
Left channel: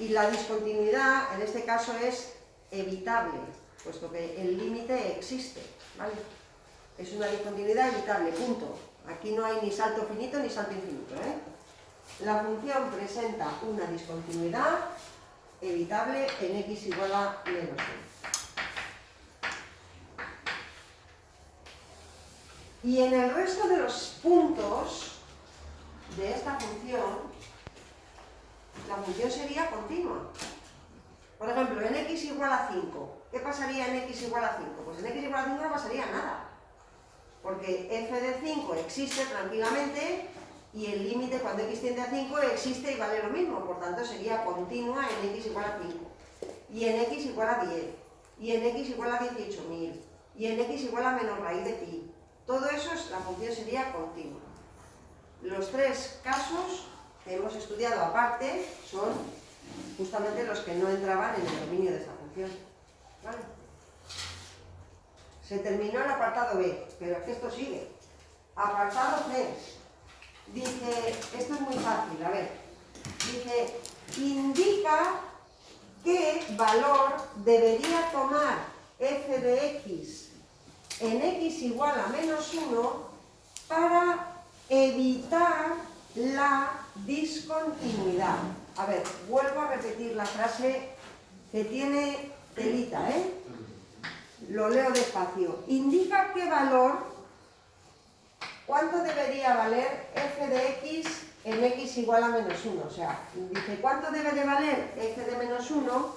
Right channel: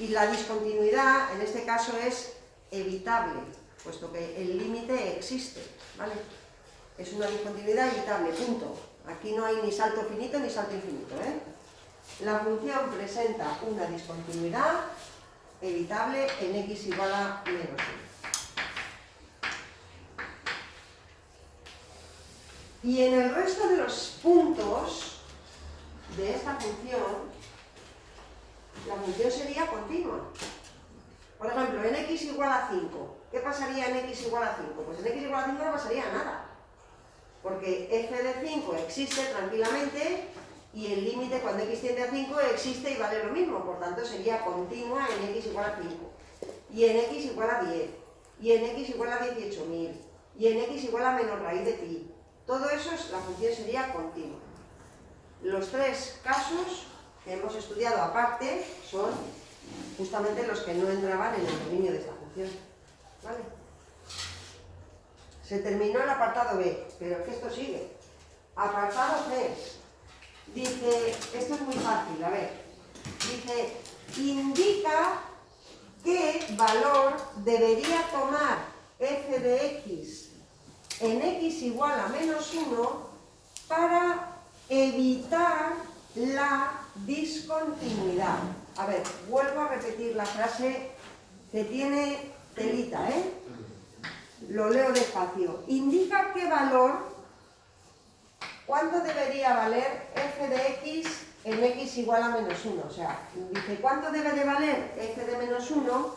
y la discontinuidad en este caso es evitable, puesto que el límite existe, ¿vale? Es una discontinuidad evitable, punto. Aquí no hay ni salto finito ni salto infinito, ¿eh? La función presenta una discontinuidad evitable en x igual a menos 1. Y en el resto de los puntos de esta función, la función sería continua. Por ejemplo, en x igual a 5, ¿qué pasaría en x igual a 5? Pues en x igual a 5 no pasaría nada, porque f de 5 existe tranquilamente y el límite cuando x tiende a 5 existe y vale lo mismo, por tanto sería continua en x igual a 5, y en x igual a 10, y en x igual a 18.000, y en x igual a menos raíz de pi. Todo eso, la función sería continua. Los tres casos que hemos estudiado aparte son justamente los que no entraban en el dominio de esta función, ¿vale? Se terminó el apartado B, pero es que esto sigue. Apartado C. Dice, esto es muy fácil, a ver. Dice, indica qué valor debería tomar f de x en x igual a menos 1 para evitar la discontinuidad. A ver, vuelvo a repetir la frase que tiene telita, ¿eh? Lo leo despacio. Indica qué valor, cuánto debería valer f de x en x igual a menos 1. O sea, dice cuánto debe de valer f de menos 1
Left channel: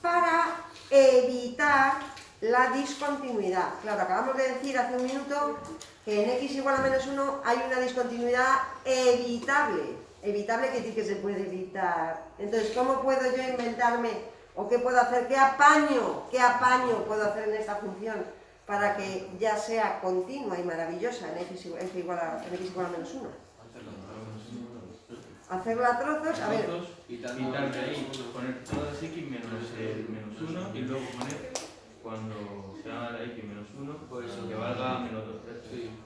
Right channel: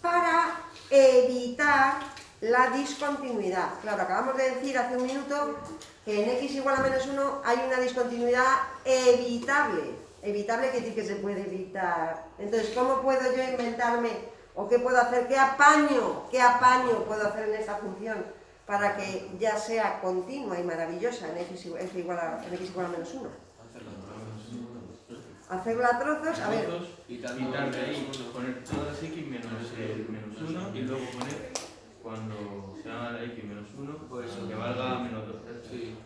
para evitar la discontinuidad. Claro, acabamos de decir hace un minuto que en x igual a menos 1 hay una discontinuidad evitable. Evitable que sí que se puede evitar. Entonces, ¿cómo puedo yo inventarme o qué puedo hacer? ¿Qué apaño puedo hacer en esta función para que ya sea continua y maravillosa en x igual a menos 1? Hacerlo a trozos, a ver. Quitar de ahí, poner todas x menos 1 y luego poner cuando se haga la x menos 1, pues que valga menos 2. Sí.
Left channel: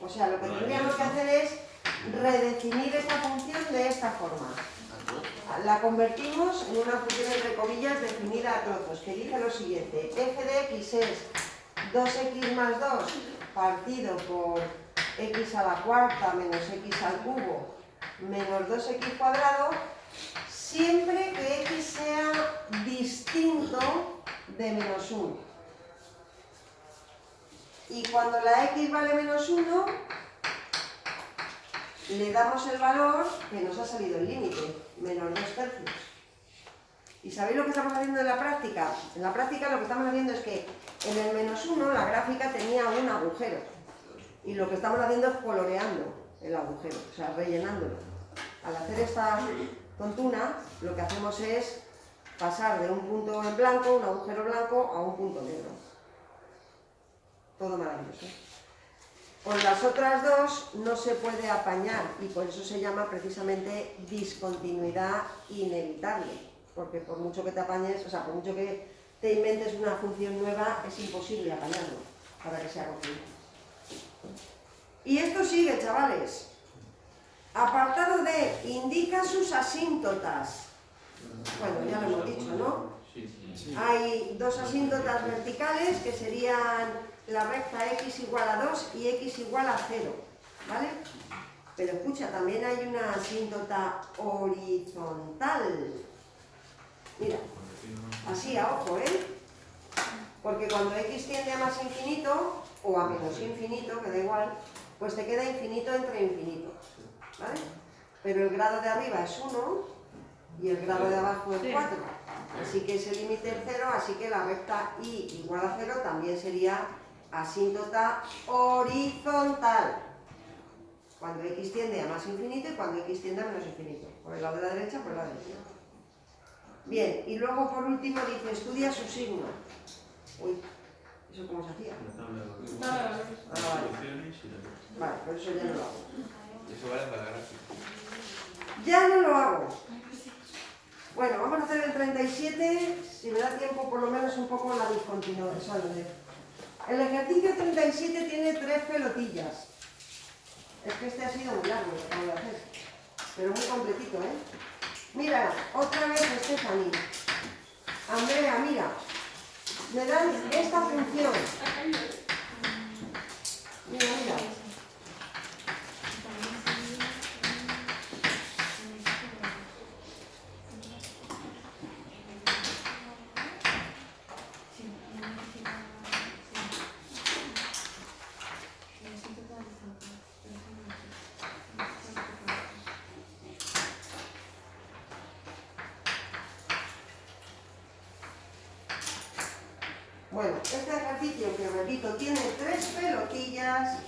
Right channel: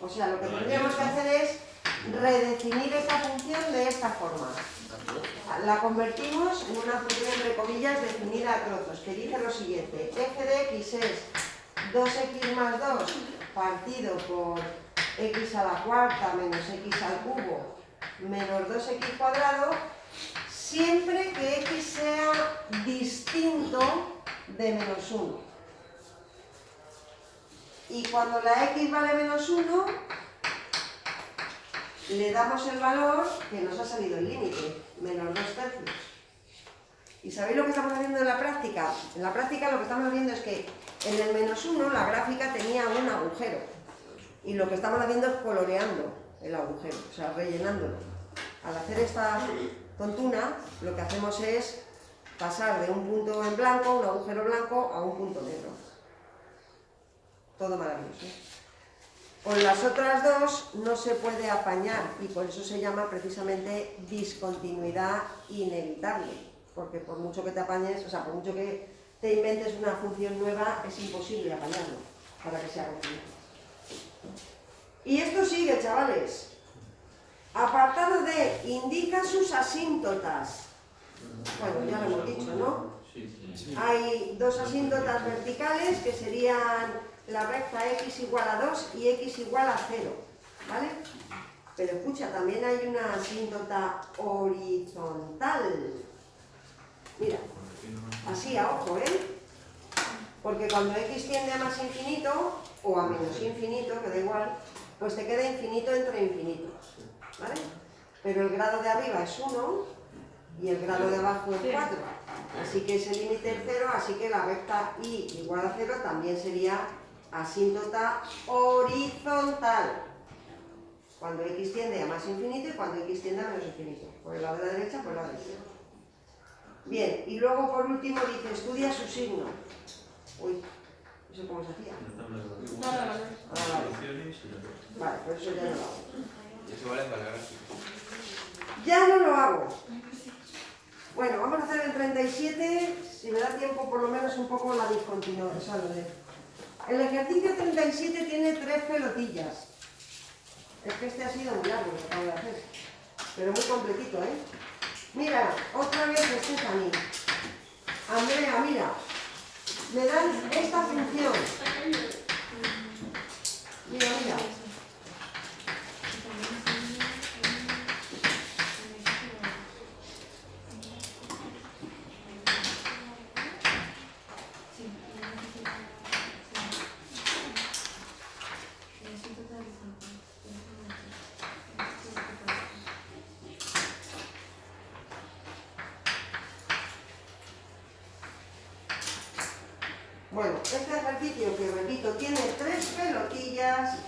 O sea, lo que tendríamos que hacer es redefinir esta función de esta forma. La convertimos en una función entre comillas definida a trozos, que dice lo siguiente: f de x es 2x más 2 partido por x a la cuarta menos x al cubo menos 2x cuadrado, siempre que x sea distinto de menos 1. Y cuando la x vale menos 1, le damos el valor que nos ha salido el límite, menos 2 tercios. ¿Y sabéis lo que estamos haciendo en la práctica? En la práctica lo que estamos haciendo es que en el menos 1 la gráfica tenía un agujero. Y lo que estamos haciendo es coloreando el agujero, o sea, rellenándolo. Al hacer esta tontuna, lo que hacemos es pasar de un punto en blanco, un agujero blanco, a un punto negro. Todo maravilloso. Con las otras dos no se puede apañar y por eso se llama precisamente discontinuidad inevitable, porque por mucho que te apañes, o sea, por mucho que te inventes una función nueva, es imposible apañarlo para que sea continua. Y esto sigue, chavales. Apartado D, indica sus asíntotas. Bueno, ya lo hemos dicho, ¿no? Hay dos asíntotas verticales que serían la recta x igual a 2 y x igual a 0, ¿vale? Pero escucha, también hay una asíntota horizontal. Mira, así a ojo, ¿eh? Porque cuando x tiende a más infinito, o a menos infinito, que da igual, pues te queda infinito entre infinitos, ¿vale? Pero el grado de arriba es 1 y el grado de abajo es 4. Así que ese límite es 0, así que la recta y igual a 0 también sería asíntota horizontal. Cuando x tiende a más infinito y cuando x tiende a menos infinito. Por el lado de la derecha, por el lado de la izquierda. Bien, y luego por último dice, estudia su signo. Uy, ¿eso cómo se hacía? Vale, por eso ya no lo hago. Y eso vale para la gráfica. Ya no lo hago. Bueno, vamos a hacer el 37, si me da tiempo por lo menos un poco la discontinuación. El ejercicio 37 tiene 3 pelotillas. Es que este ha sido muy largo lo que acabo de hacer, pero muy completito, ¿eh? Mira, otra vez Stephanie. Andrea, mira, me dan esta función. Mira, mira. Bueno, este ejercicio que repito tiene 3 pelotillas,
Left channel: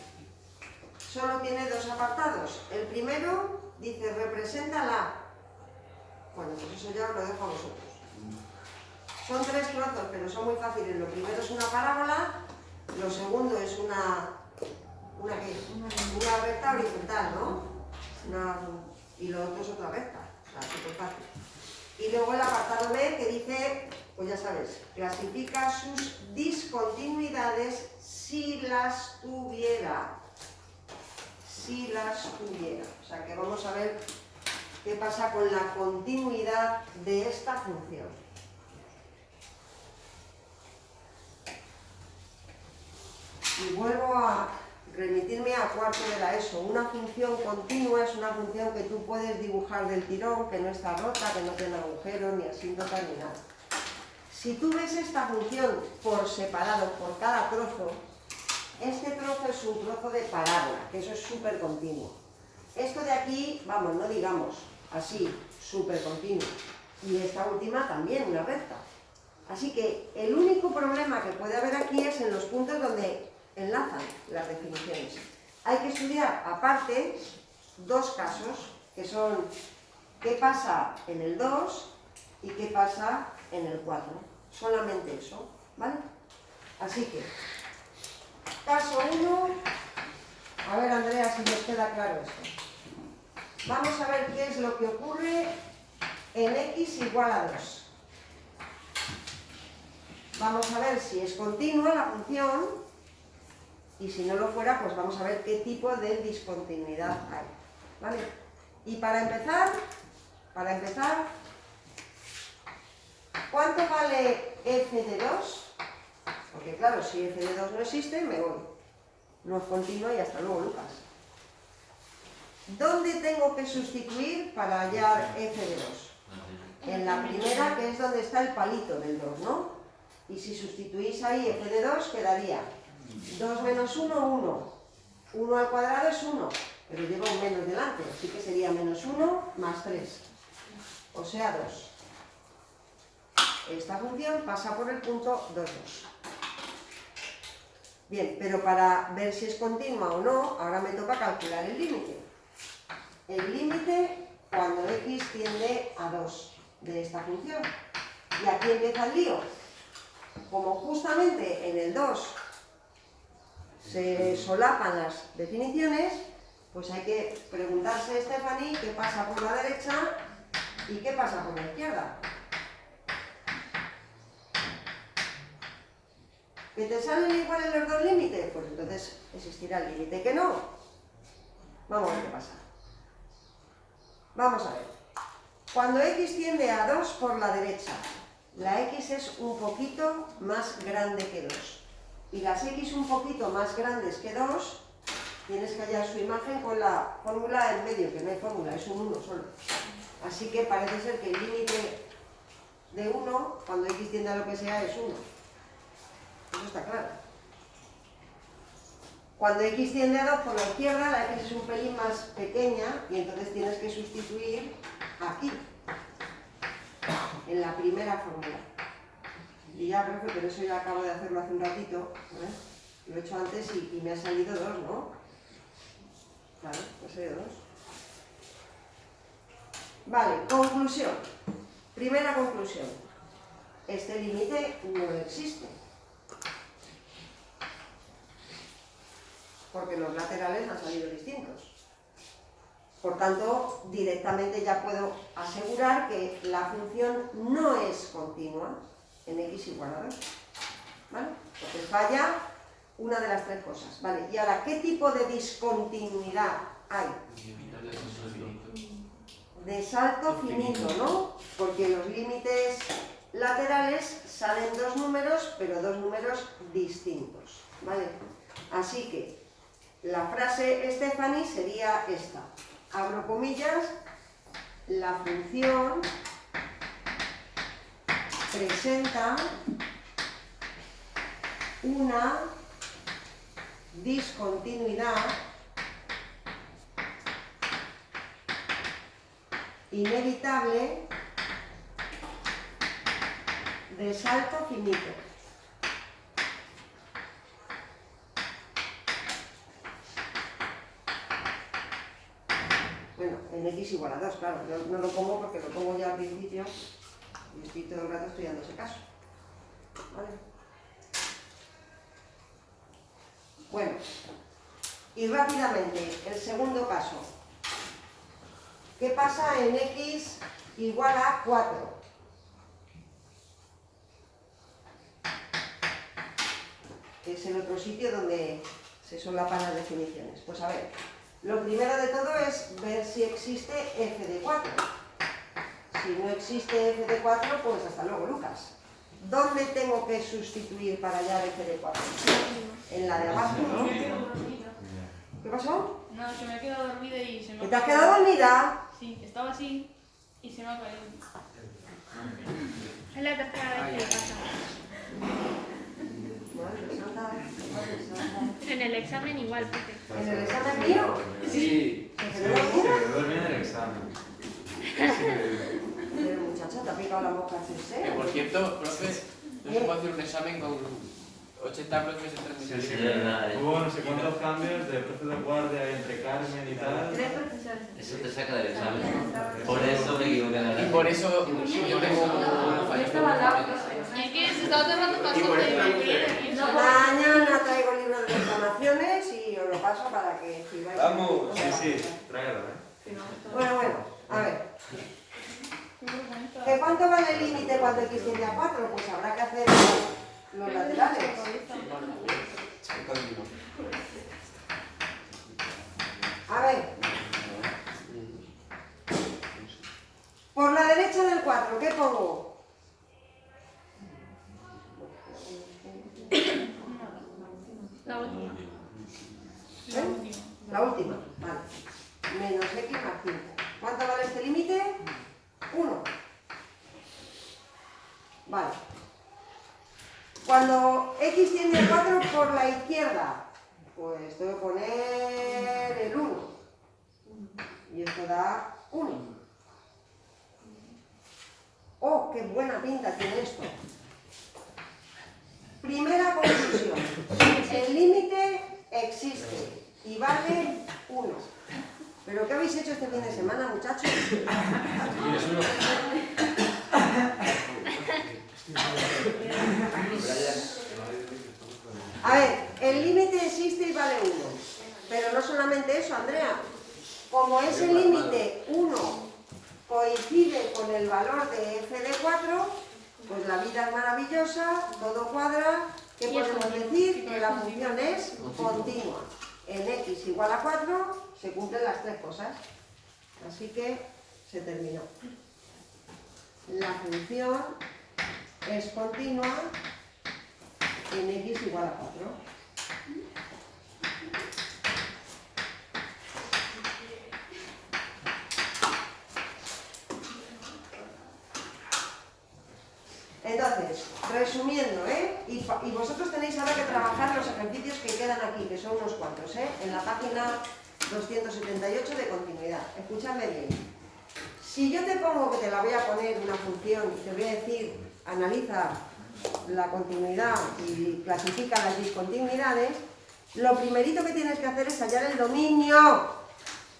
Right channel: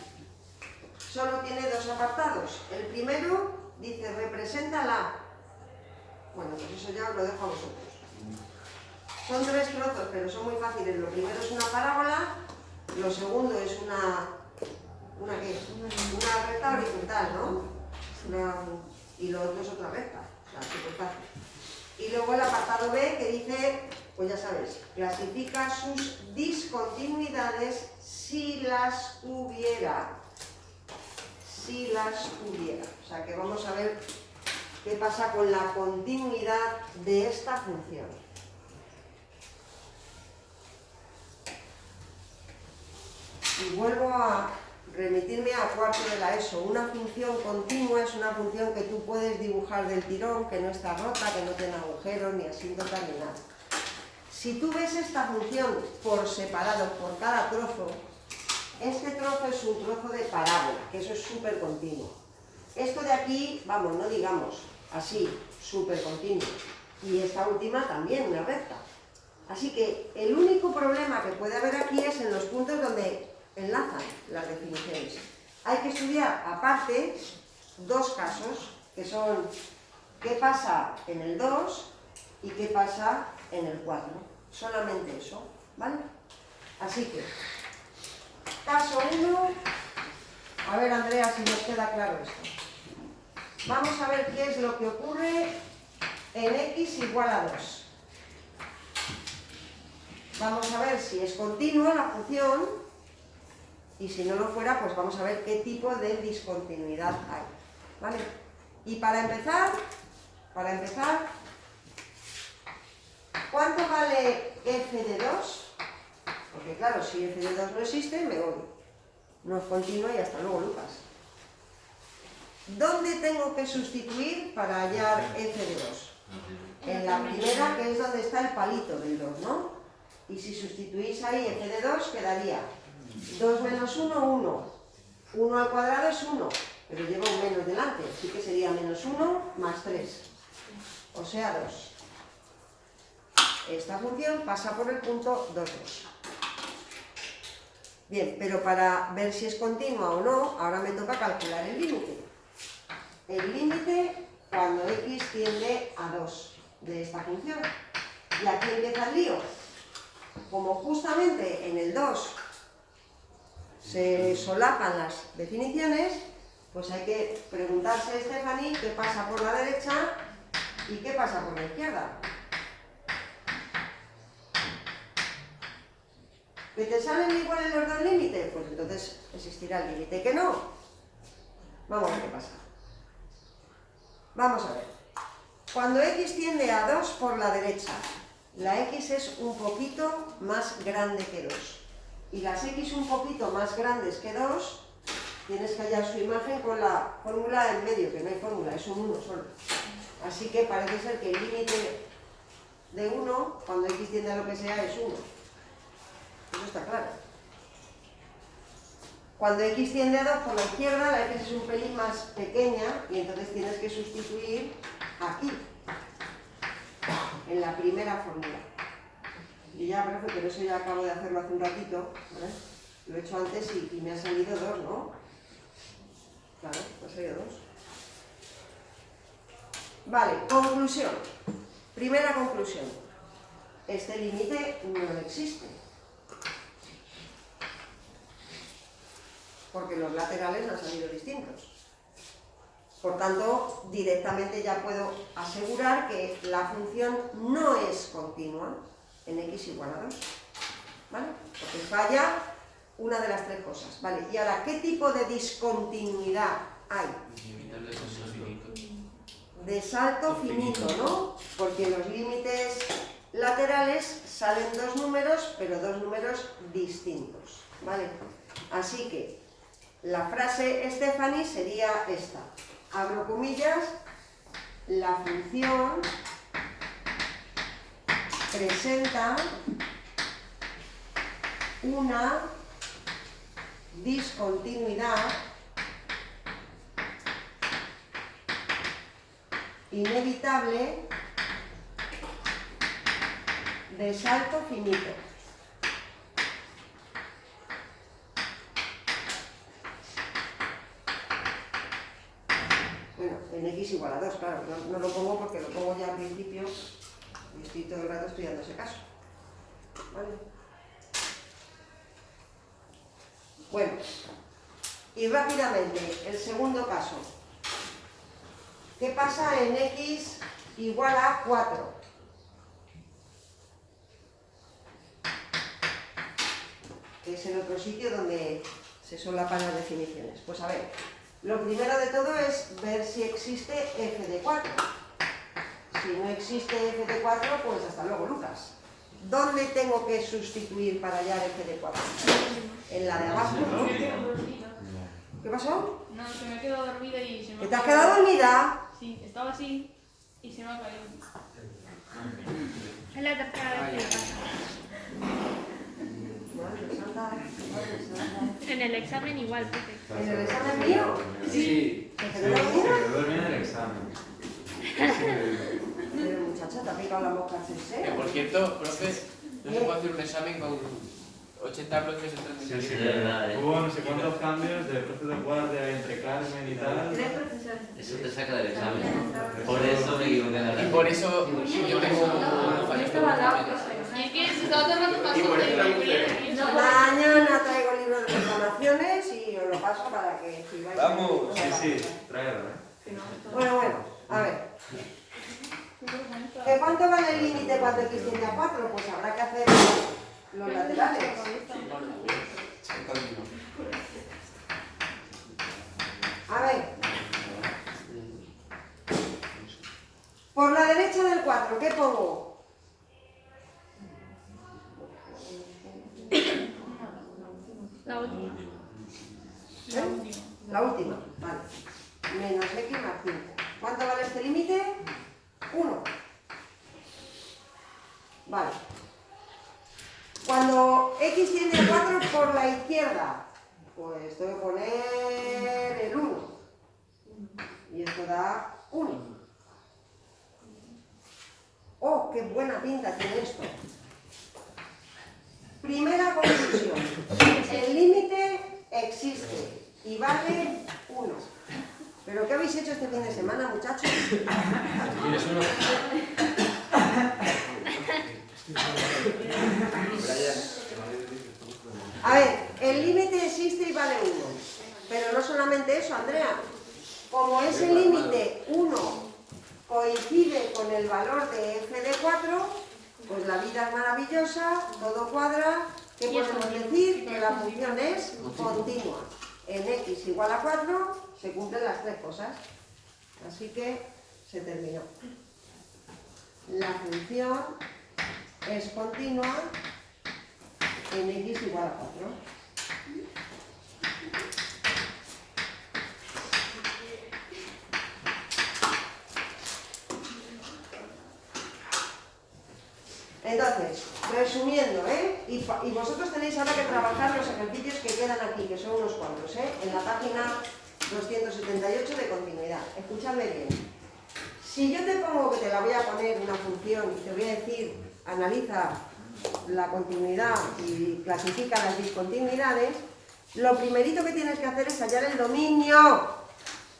solo tiene 2 apartados. El primero dice representa la. Bueno, pues eso ya os lo dejo a vosotros. Son 3 trozos, pero son muy fáciles. Lo primero es una parábola, lo segundo es una recta horizontal, ¿no? Y lo otro es otra recta, o sea, súper fácil. Y luego el apartado B que dice, pues ya sabes, clasifica sus discontinuidades si las hubiera. Si las hubiera. O sea que vamos a ver qué pasa con la continuidad de esta función. Y vuelvo a remitirme a cuarto de la ESO. Una función continua es una función que tú puedes dibujar del tirón, que no está rota, que no tiene agujeros, ni asíntota, ni nada. Si tú ves esta función por separado, por cada trozo, este trozo es un trozo de parábola, que eso es súper continuo. Esto de aquí, vamos, no digamos así, súper continuo. Y esta última también, una recta. Así que el único problema que puede haber aquí es en los puntos donde enlazan las definiciones. Hay que estudiar aparte 2 casos, que son qué pasa en el 2 y qué pasa en el 4. Solamente eso, ¿vale? Así que, caso 1, a ver Andrea si nos queda claro esto. Vamos a ver qué es lo que ocurre en x igual a 2. Vamos a ver si es continua la función. Y si no lo fuera, pues vamos a ver qué tipo de discontinuidad hay, ¿vale? Y para empezar, ¿cuánto vale f de 2? Porque claro, si f de 2 no existe, me voy. No es continua y hasta luego, Lucas. ¿Dónde tengo que sustituir para hallar f de 2? En la primera, que es donde está el palito del 2, ¿no? Y si sustituís ahí f de 2, quedaría 2 menos 1, 1. 1 al cuadrado es 1, pero lleva un menos delante, así que sería menos 1 más 3, o sea 2. Esta función pasa por el punto 2, 2. Bien, pero para ver si es continua o no, ahora me toca calcular el límite. El límite cuando x tiende a 2 de esta función. Y aquí empieza el lío. Como justamente en el 2 se solapan las definiciones, pues hay que preguntarse, Stephanie, qué pasa por la derecha y qué pasa por la izquierda. ¿Que te salen iguales los dos límites? Pues entonces existirá el límite. ¿Que no? Vamos a ver qué pasa. Vamos a ver. Cuando x tiende a 2 por la derecha, la x es un poquito más grande que 2. Y las x un poquito más grandes que 2, tienes que hallar su imagen con la fórmula en medio, que no hay fórmula, es un 1 solo. Así que parece ser que el límite de 1, cuando x tiende a lo que sea, es 1. Eso está claro. Cuando x tiende a 2 por la izquierda, la x es un pelín más pequeña y entonces tienes que sustituir aquí, en la primera fórmula. Y ya, profe, pero eso ya acabo de hacerlo hace un ratito, ¿eh? Lo he hecho antes y me ha salido 2, ¿no? Claro, pues hay 2. Vale, conclusión. Primera conclusión. Este límite no existe. Porque los laterales han salido distintos. Por tanto, directamente ya puedo asegurar que la función no es continua en x igual a 2. ¿Vale? Porque falla una de las 3 cosas. ¿Vale? Y ahora, ¿qué tipo de discontinuidad hay? De salto finito, ¿no? Porque los límites laterales salen 2 números, pero 2 números distintos. ¿Vale? Así que la frase Stephanie sería esta. Abro comillas, la función presenta una discontinuidad inevitable de salto finito. Bueno, en x igual a 2, claro, no lo pongo porque lo pongo ya al principio y estoy todo el rato estudiando ese caso. ¿Vale? Bueno, y rápidamente, el segundo caso. ¿Qué pasa en x igual a 4? Que es el otro sitio donde se solapan las definiciones. Pues a ver, lo primero de todo es ver si existe f de 4. Si no existe f de 4, pues hasta luego, Lucas. ¿Dónde tengo que sustituir para hallar f de 4? En la de abajo, ¿no? ¿Qué pasó? No, se me ha quedado dormida y se me ¿Que te has quedado dormida? Sí, estaba así y se me ha caído. Es la tercera vez que le pasa. Madre santa, madre santa. En el examen igual, profe. ¿En el examen mío? Sí. ¿Que se te dormida? Pero en el examen. Pero muchacha, te ha picado la boca CC. Que por cierto, profe, no se puede hacer un examen con 80 bloques en 3 minutos. Sí, Hubo no sé cuántos cambios de profe de guardia entre Carmen y tal. 3 profesores. Eso te saca del examen. Por eso me equivoqué. Y por eso yo tengo una Yo falla. estaba al lado, profe. Es que se estaba tomando una Y por eso foto. Mañana traigo libros de reclamaciones y os lo paso para que escribáis. Vamos. Sí, tráelo, ¿eh? Bueno, a ver. ¿De cuánto vale el límite cuando x tiende a 4? Pues habrá que hacer los laterales. A ver. Por la derecha del 4, ¿qué pongo? La última. ¿Eh? La última, vale. Menos x más 5. ¿Cuánto vale este límite? 1. Vale. Cuando x tiende a 4 por la izquierda, pues tengo que poner el 1. Y esto da 1. ¡Oh, qué buena pinta tiene esto! Primera conclusión. El límite existe y vale 1. ¿Pero qué habéis hecho este fin de semana, muchachos? A ver, el límite existe y vale 1. Pero no solamente eso, Andrea. Como ese límite 1 coincide con el valor de f de 4, pues la vida es maravillosa, todo cuadra. ¿Qué podemos decir? Que la función es continua. En x igual a 4 se cumplen las 3 cosas. Así que se terminó. La función es continua en x igual a 4. Entonces, resumiendo, y vosotros tenéis ahora que trabajar los ejercicios que quedan aquí, que son unos cuantos, en la página 278 de continuidad. Escúchame bien. Si yo te pongo que te la voy a poner una función, te voy a decir, analiza la continuidad y clasifica las discontinuidades, lo primerito que tienes que hacer es hallar el dominio.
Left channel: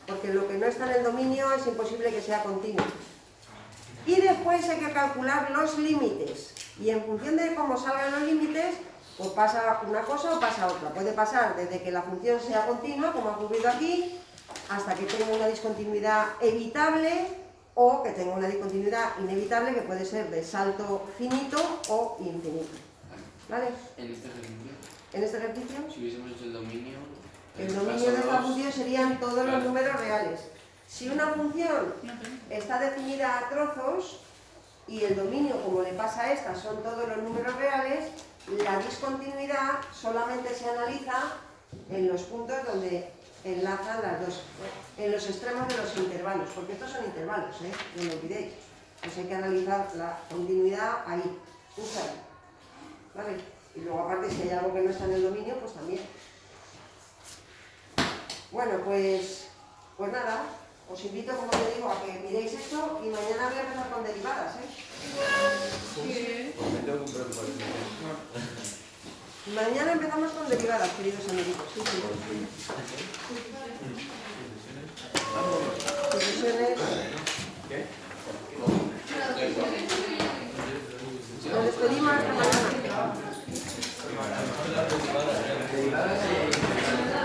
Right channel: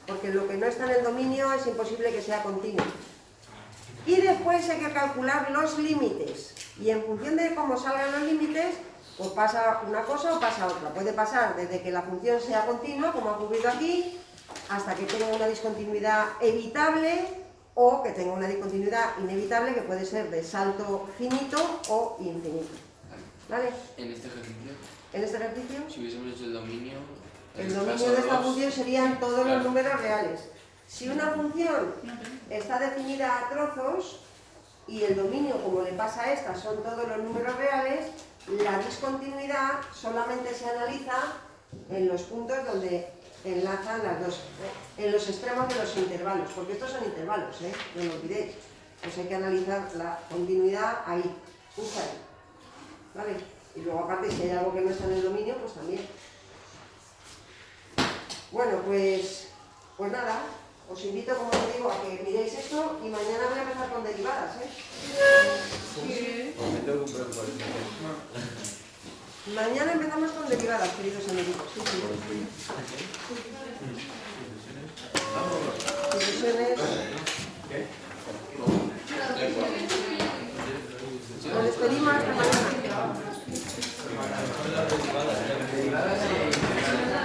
porque lo que no está en el dominio es imposible que sea continuo. Y después hay que calcular los límites, y en función de cómo salgan los límites, o pasa una cosa o pasa otra. Puede pasar desde que la función sea continua, como ha ocurrido aquí, hasta que tenga una discontinuidad evitable, o que tenga una discontinuidad inevitable, que puede ser de salto finito o infinito. ¿Vale? En este ejercicio, En este ejercicio, si hubiésemos hecho el dominio de esta función serían todos los Claro. números reales. Si una función está definida a trozos y el dominio, como le pasa a esta, son todos los números reales, la discontinuidad solamente se analiza en los puntos donde enlazan las dos, en los extremos de los intervalos, porque estos son intervalos, no lo olvidéis. Pues hay que analizar la continuidad ahí, justo ahí. ¿Vale? Y luego aparte, si hay algo que no está en el dominio, pues también. Bueno, pues nada, os invito, como te digo, a que miréis esto y mañana voy a empezar con derivadas, Me tengo que preocupar. Mañana empezamos con derivadas, queridos amigos. Sí, sí. Sucesiones.